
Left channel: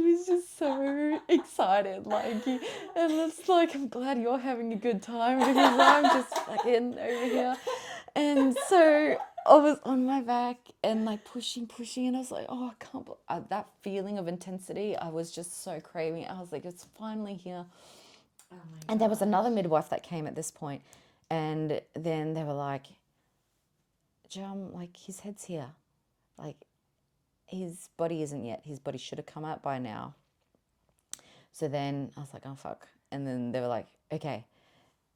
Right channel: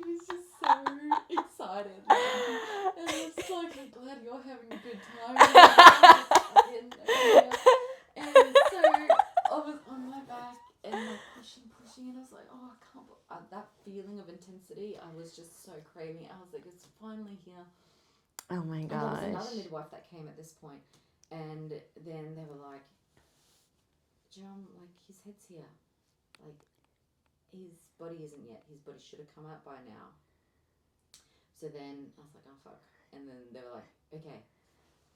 was just so excited. Like, and it's like, I'm glad you're having a good time with him. I'm just fucking over here. And so I was on my back and like pushing, and I was like, oh, I can't believe that feeling of intensity. I was just so craving it. I was like, it's finally here. Oh my god! And there was another midwife that came at this point, and then they were like, JUM, like, his head's here, like, his body isn't yet. His body should have come out by now. So then I was like, oh fuck. And then they were like, okay.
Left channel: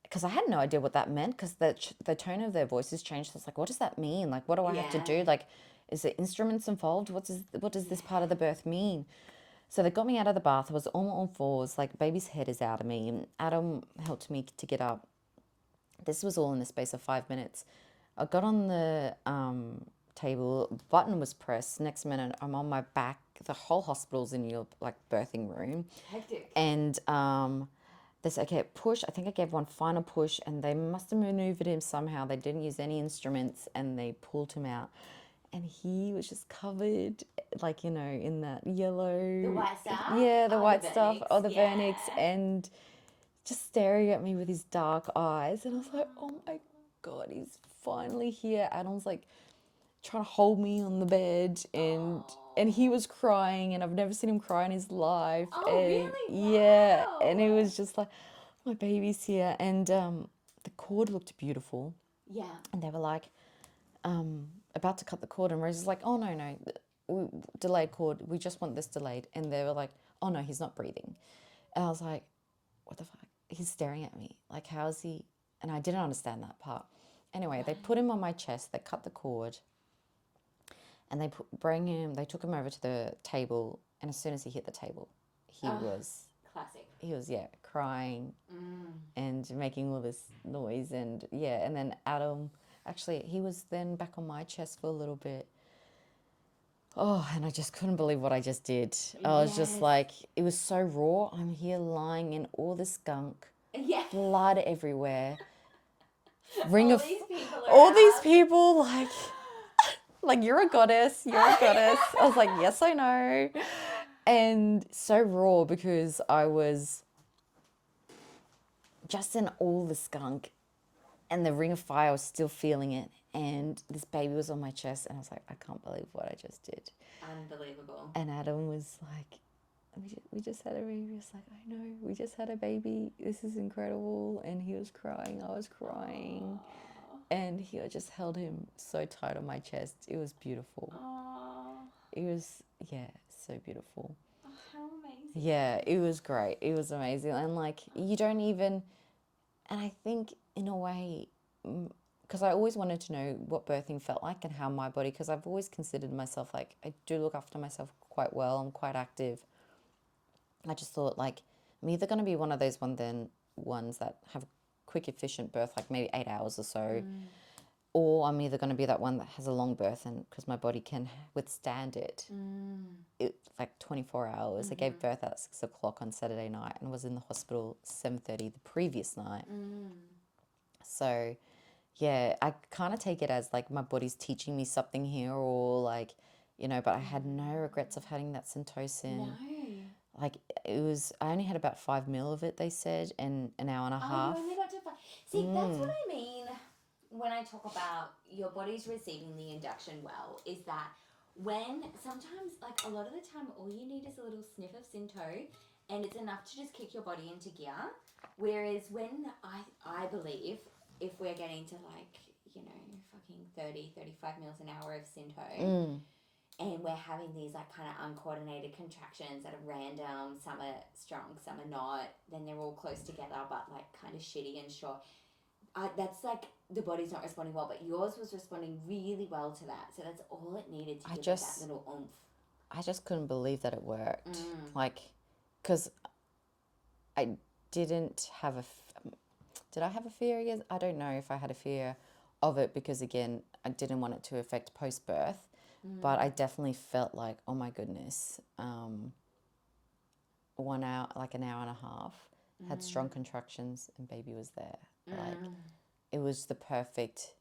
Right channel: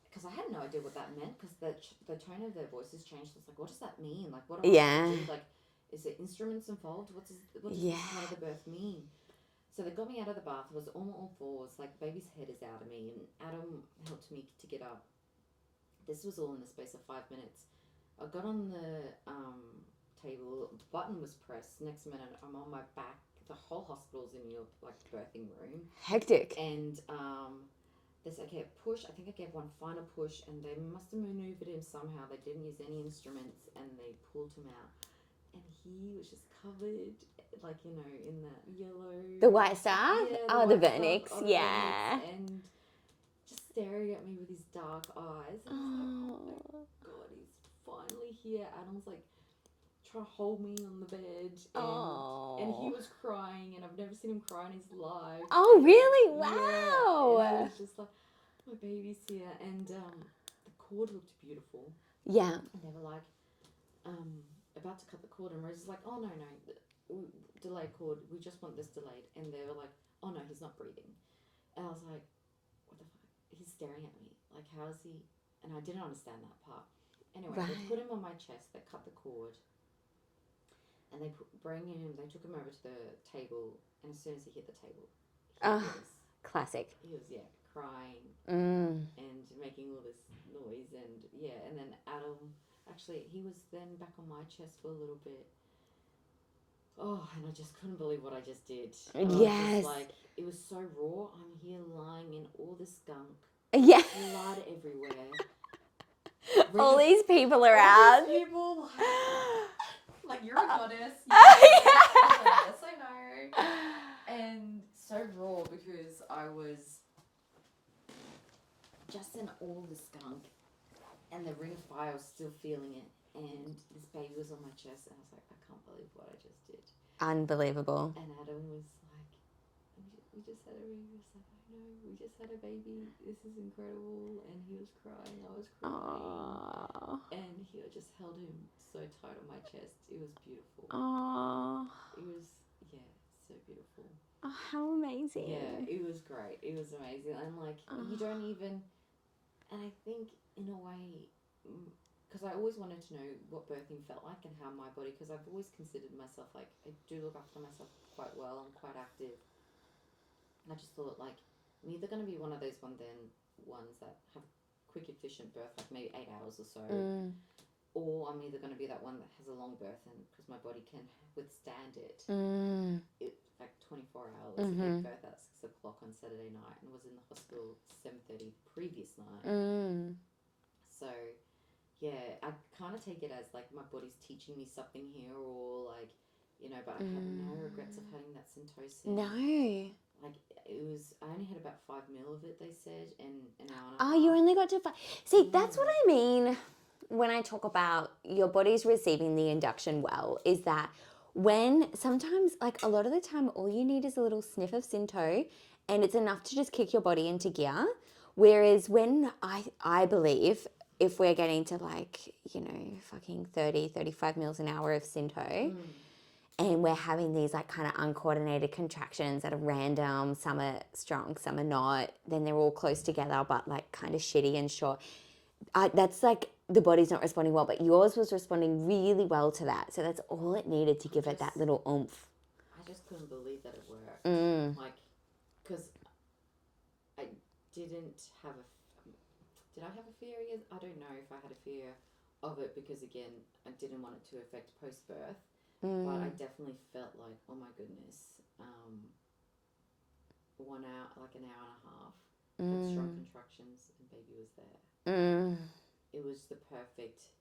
Because I had no idea what that meant, because the tone of their voices changed. So I was like, what does that mean? Like, what do I have to do? Like, is there instruments involved? What does this part of the birth mean? So they got me out of the bath. I was on all fours, like baby's head is out of me. And Adam helped me to get up. This was all in the space of 5 minutes. I got on the table, button was pressed. Next minute, I'm on my back. The whole hospital's in your like birthing room. Hectic. And this, okay, push. I think I gave one final push, and they must have maneuvered him somehow. They didn't use any instruments, and they pulled him out. And he was just covered, like, in that yellow. The white stuff? Yeah, the Oh, white the stuff. vernix, Oh, the yeah. vernix. And just staring at me with his dark eyes. And I was like, oh my God, he's finally here. Adam's like trying to hold me on the bed. And he was crying, and I've never seen him cry in his life. Oh, And really? Wow. yeah, and it was just like, my baby's here. And the cord looked beautiful. Yeah. And they were like, about to cut the cord, and Rose is like, oh no, delayed cord, we just want this delayed. And they were like, oh no, he's not breathing. And I was like, what the fuck? He's staring at me, like, how is he? And I didn't understand that part. Anyway, They put him on my chest, they cut the cord, and they took him over to the table. And as soon as he hit the table, he was classic. He was crying and making all this noise. And and then Adam, actually, he was then back on my chest for a little bit. Oh, and I just couldn't believe what I just did. I was just like, it was so raw. I'm here lying in all this gunk. Yeah. Blood everywhere. All these people are all out. these people, like, you're a goddess. You're a goddess. I was like, yes, I know. And so raw, because I was just in all the skunk, and the ring of fire, I was still feeling it. And this baby was on my chest, and I was like, I can't believe what I just did. Unbelievable. And Adam was like, we just had a baby. He was like, I know, we just had a baby. This is incredible. And he was crying. I was crying. Aww. And he just held him so tight on my chest. It was beautiful. Aww. It was, so beautiful. Oh, how amazing. Yeah, it was great. It was amazing. And like, you don't even, and I think in a way, because I always wanted to know what birthing felt like and how my body, because I've always considered myself, like, I do look after myself quite well. I'm quite active. I just thought, like, I'm either going to be one of those ones that have a quick, efficient birth, like maybe 8 hours or so, or I'm either going to be that one that has a long birth, and because my body can withstand it. It like 24 hours. I gave birth at 6 o'clock on Saturday night and was in the hospital 7:30 the previous night. So, yeah, I kind of take it as like my body's teaching me something here, or like, but I had no regrets of having that syntocin. No. Like, I only had about 5 ml of it, they said, in an hour and a half. Oh, you only got to 5. See, that's what I mean when I talk about your body's receiving the induction well, is that when sometimes, like a lot of the time, all you need is a little sniff of Synto, and it's enough to just kick your body into gear. Whereas when I believe if we're getting to like, fucking 30, 35 mils an hour of Synto, and we're having these like kind of uncoordinated contractions that are random, some are strong, some are not, then they're all close together but like kind of shitty and short. That's like the body's not responding well, but yours was responding really well to that. So that's all it needed to give it that little oomph. I just couldn't believe that it worked. Like, because I didn't have did I have a fear? Yes, I don't know if I had a fear of it, because again, I didn't want it to affect post-birth, but I definitely felt like, oh my goodness, 1 hour, like an hour and a half, had strong contractions, and baby was there. Like, it was the perfect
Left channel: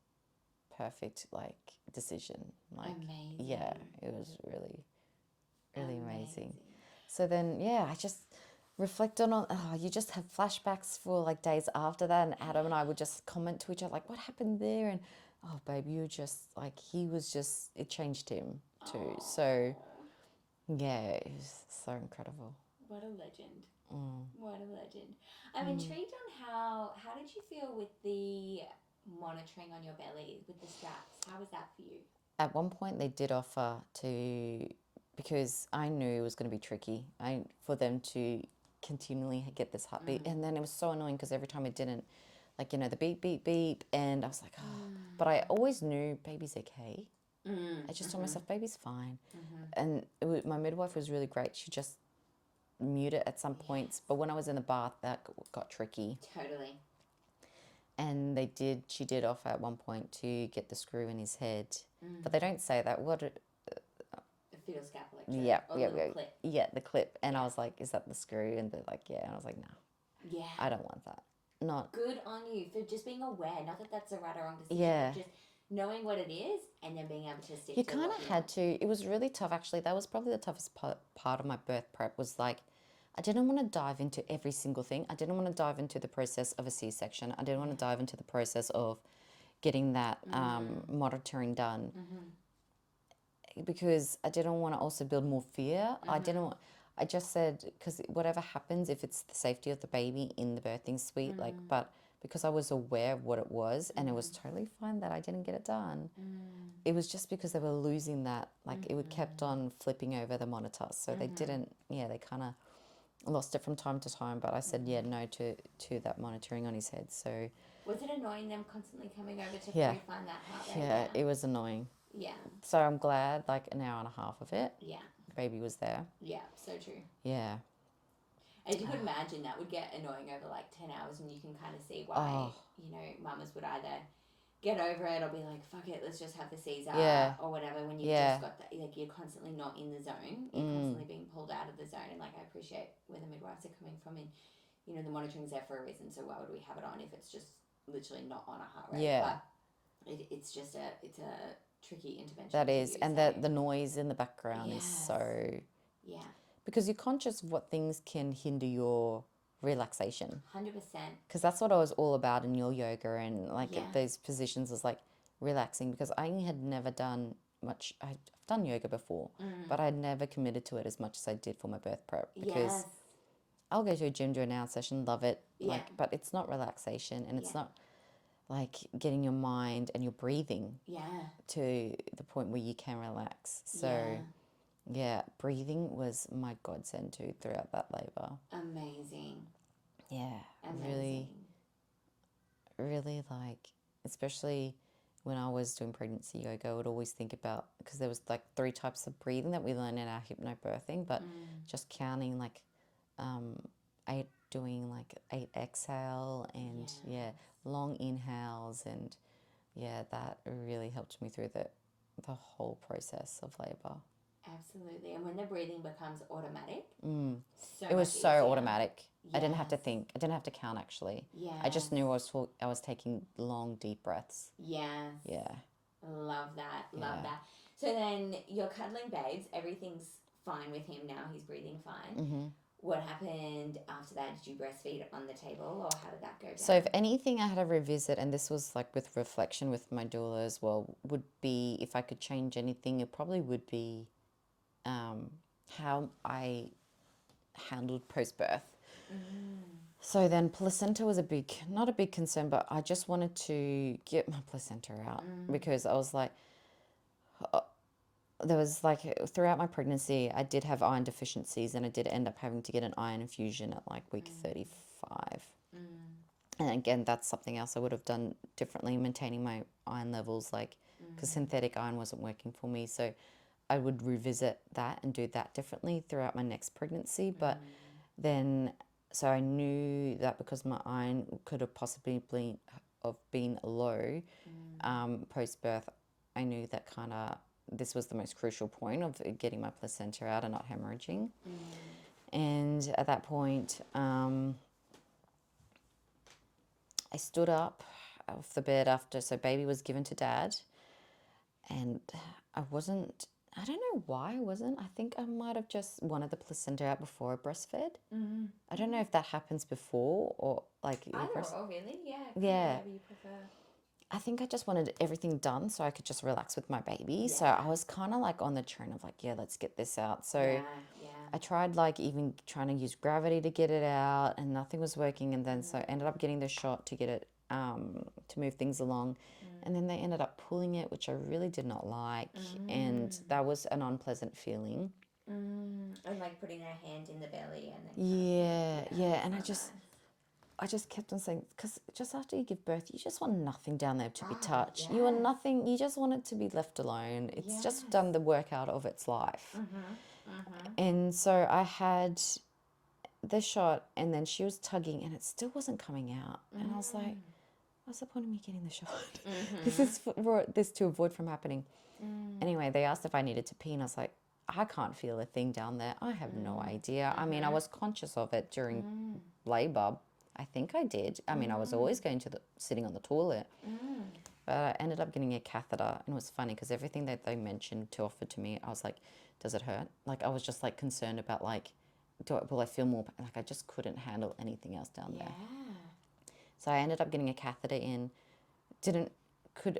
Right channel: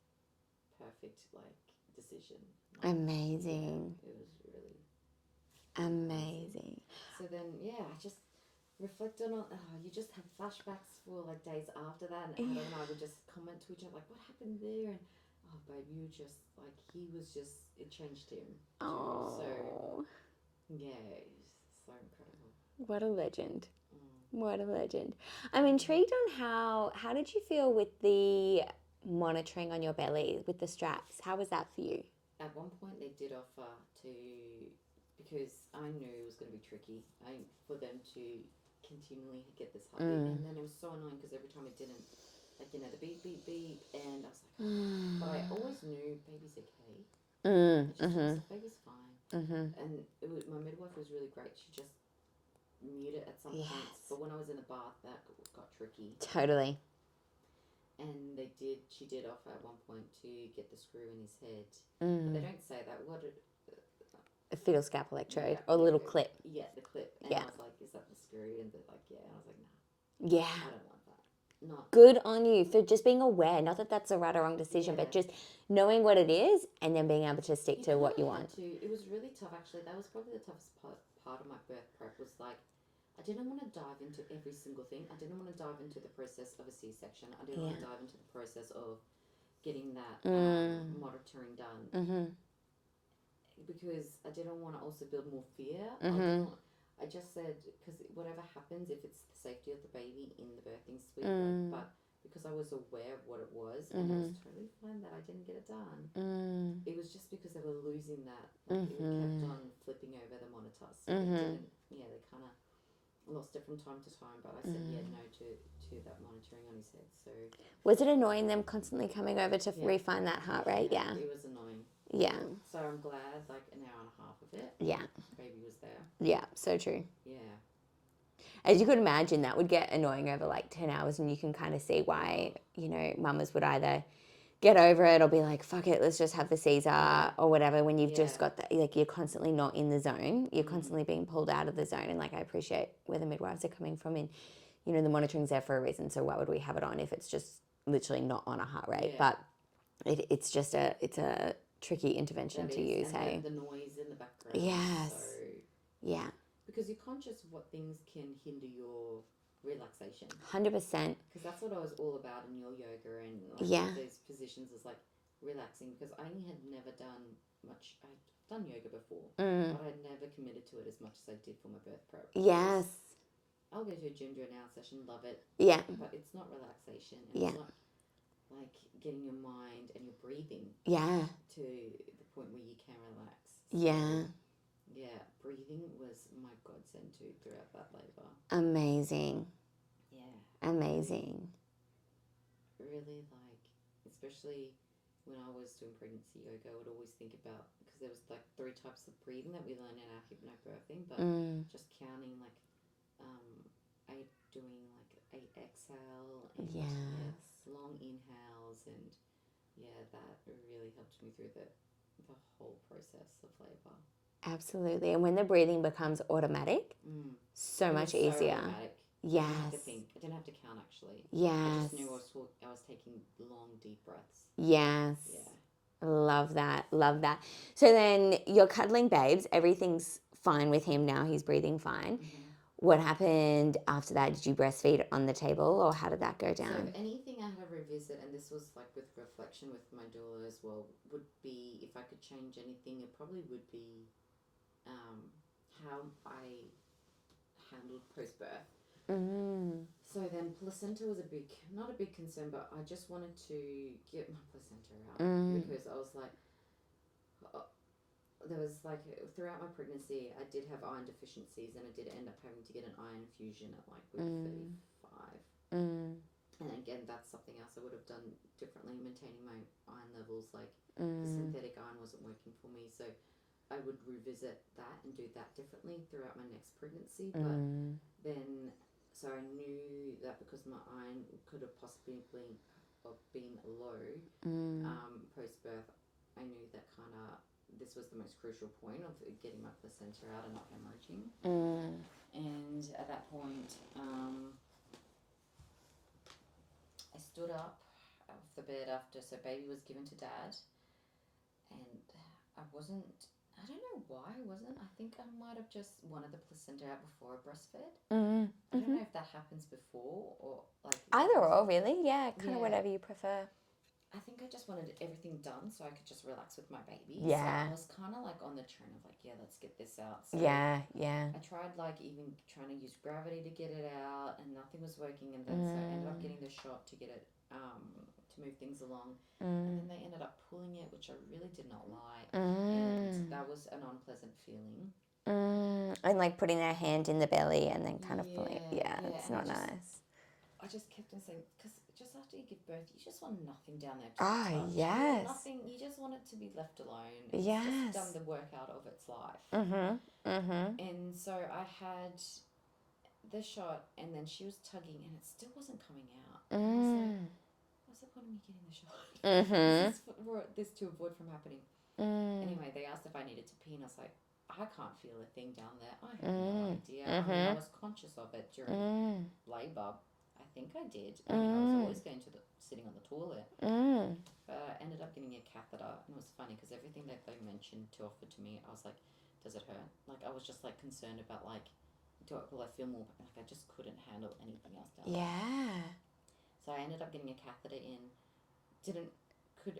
like decision. Like, amazing. Yeah, it was really amazing. So then, I just reflect on, you just have flashbacks for like days after that, and Adam and I would just comment to each other like, what happened there? And oh baby, you just like, it changed him too. So yeah, it was so incredible. What a legend. What a legend. I'm intrigued on how did you feel with the monitoring on your belly with the straps? How was that for you? At one point they did offer to, because I knew it was going to be tricky, for them to continually get this heartbeat. And then it was so annoying because every time it didn't, like, the beep, beep, beep. And I was like, but I always knew baby's okay. I just told myself, baby's fine. And my midwife was really great. She just mute it at some points. But when I was in the bath, that got tricky. Totally. And she did offer at one point to get the screw in his head. But they don't say that. A fetal scalp electrode or a little clip. Yeah, the clip. And I was like, is that the screw? And they're like, yeah. And I was like, no. Yeah. I don't want that. Not good on you for just being aware. Not that that's a right or wrong decision, but just knowing what it is and then being able to stick to what you want. It was really tough, actually. That was probably the toughest part of my birth prep was like, I didn't want to dive into every single thing. I didn't want to dive into the process of a C-section. I didn't want to dive into the process of getting that monitoring done because I didn't want to also build more fear. I just said, because whatever happens, if it's the safety of the baby in the birthing suite, but because I was aware of what it was and it was totally fine that I didn't get it done. It was just because they were losing that, like it kept on flipping over the monitor. So they didn't, they kind of lost it from time to time, but I said no to that monitoring on his head. So was it annoying them constantly coming over to refine that heart rate? Yeah, it was annoying. Yeah. So I'm glad, like an hour and a half of it. Yeah. Baby was there. Yeah, so true. Yeah. As you could imagine, that would get annoying over like 10 hours, and you can kind of see why, mamas would either get over it or be like, fuck it, let's just have the Caesar or whatever when you've just got that, like you're constantly not in the zone. You're constantly being pulled out of the zone. And like, I appreciate where the midwives are coming from, and, the monitoring's there for a reason. So why would we have it on if it's just literally not on a heart rate? Yeah. But it's a tricky intervention that to is, use. And the noise in the background is so... Yeah. Because you're conscious of what things can hinder your relaxation. 100%. Because that's what I was all about in your yoga and like those positions was like relaxing, because I had never done much. I've done yoga before, but I'd never committed to it as much as I did for my birth prep. Yes. I'll go to a gym, do an hour session, love it. Yeah. But it's not relaxation, and it's not like getting your mind and your breathing to the point where you can relax. So, yeah, breathing was my godsend too throughout that labour. Amazing. Yeah. Amazing. Really like, especially when I was doing pregnancy yoga, I would always think about, because there was like 3 types of breathing that we learned in our hypnobirthing, but just counting like 8, doing like 8 exhale and long inhales, and that really helped me through the whole process of labour. Absolutely. And when the breathing becomes automatic, so it much was easier. so automatic. Yes. I didn't have to think. I didn't have to count, actually. Yes. I just knew I was taking long, deep breaths. Yes. Yeah. Love that. Love that. So then you're cuddling babes. Everything's fine with him now. He's breathing fine. Mm-hmm. What happened after that? Did you breastfeed on the table, or how did that go down? So if anything I had to revisit, and this was like with reflection with my doula as well, would be, if I could change anything, it probably would be how I handled post-birth. So then placenta was not a big concern, but I just wanted to get my placenta out because I was like, there was like, throughout my pregnancy, I did have iron deficiencies, and I did end up having to get an iron infusion at like week 35. And again, that's something else I would have done differently, maintaining my iron levels, like, because synthetic iron wasn't working for me. So I would revisit that and do that differently throughout my next pregnancy. But then, so I knew that because my iron could have possibly been low post-birth, I knew that kind of this was the most crucial point of getting my placenta out and not hemorrhaging. And at that point, I stood up off the bed so baby was given to dad, and I don't know why I wasn't. I think I might have just wanted the placenta out before I breastfed. I don't know if that happens before or like... Either or, really. Yeah, kind of whatever you prefer. I think I just wanted everything done so I could just relax with my baby. Yeah. So I was kind of like on the trend of like, let's get this out. So I tried like even trying to use gravity to get it out, and nothing was working. And then so I ended up getting the shot to get it, to move things along. And then they ended up pulling it, which I really did not like. And that was an unpleasant feeling. And like putting their hand in the belly and then kind of pulling it. Yeah. And I just kept on saying, because just after you give birth, you just want nothing down there to be touched. Yes. You want nothing. You just want it to be left alone. It's just done the workout of its life. And so I had the shot, and then she was tugging, and it still wasn't coming out. And I was like, what's the point of me getting the shot? This is for this to avoid from happening. Anyway, they asked if I needed to pee, and I was like, I can't feel a thing down there. I have no idea. I mean, I was conscious of it during labor. I think I did. I mean, I was always going to sitting on the toilet. But I ended up getting a catheter, and it was funny because everything that they mentioned to offer to me, I was like, does it hurt? Like, I was just like concerned about like, will I feel more? Like, I just couldn't handle anything else down there. Yeah. So I ended up getting a catheter in.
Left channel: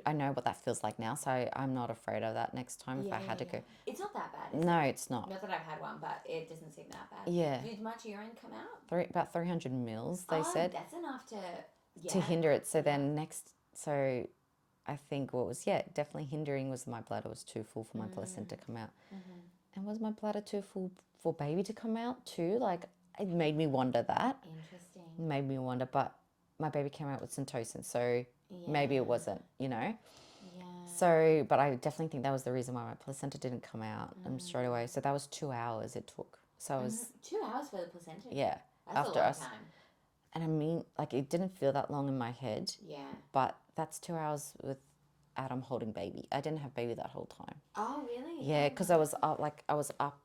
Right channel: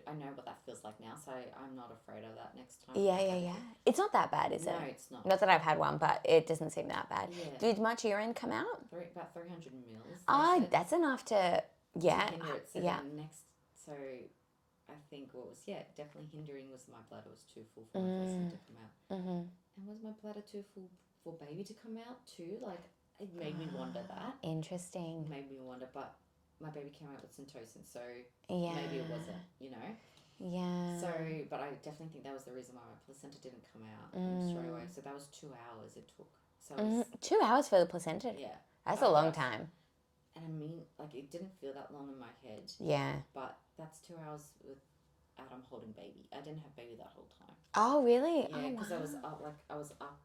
I know what that feels like now, so I'm not afraid of that next time if I had to go. It's not that bad, is it? No, it's not. Not that I've had one, but it doesn't seem that bad. Yeah. Did much urine come out? About 300 mils, they said. That's enough to hinder it. So then so I think what was, definitely hindering was my bladder was too full for my placenta to come out. And was my bladder too full for baby to come out too? Like, it made me wonder that. Interesting. It made me wonder, but my baby came out with syntocin, so maybe it wasn't, you know? Yeah. So, but I definitely think that was the reason why my placenta didn't come out straight away. So that was 2 hours it took. So it was, 2 hours for the placenta? yeah. That's a long time. And I mean, like, it didn't feel that long in my head. Yeah. But that's 2 hours with Adam holding baby. I didn't have baby that whole time. Oh, really? Yeah, because I was up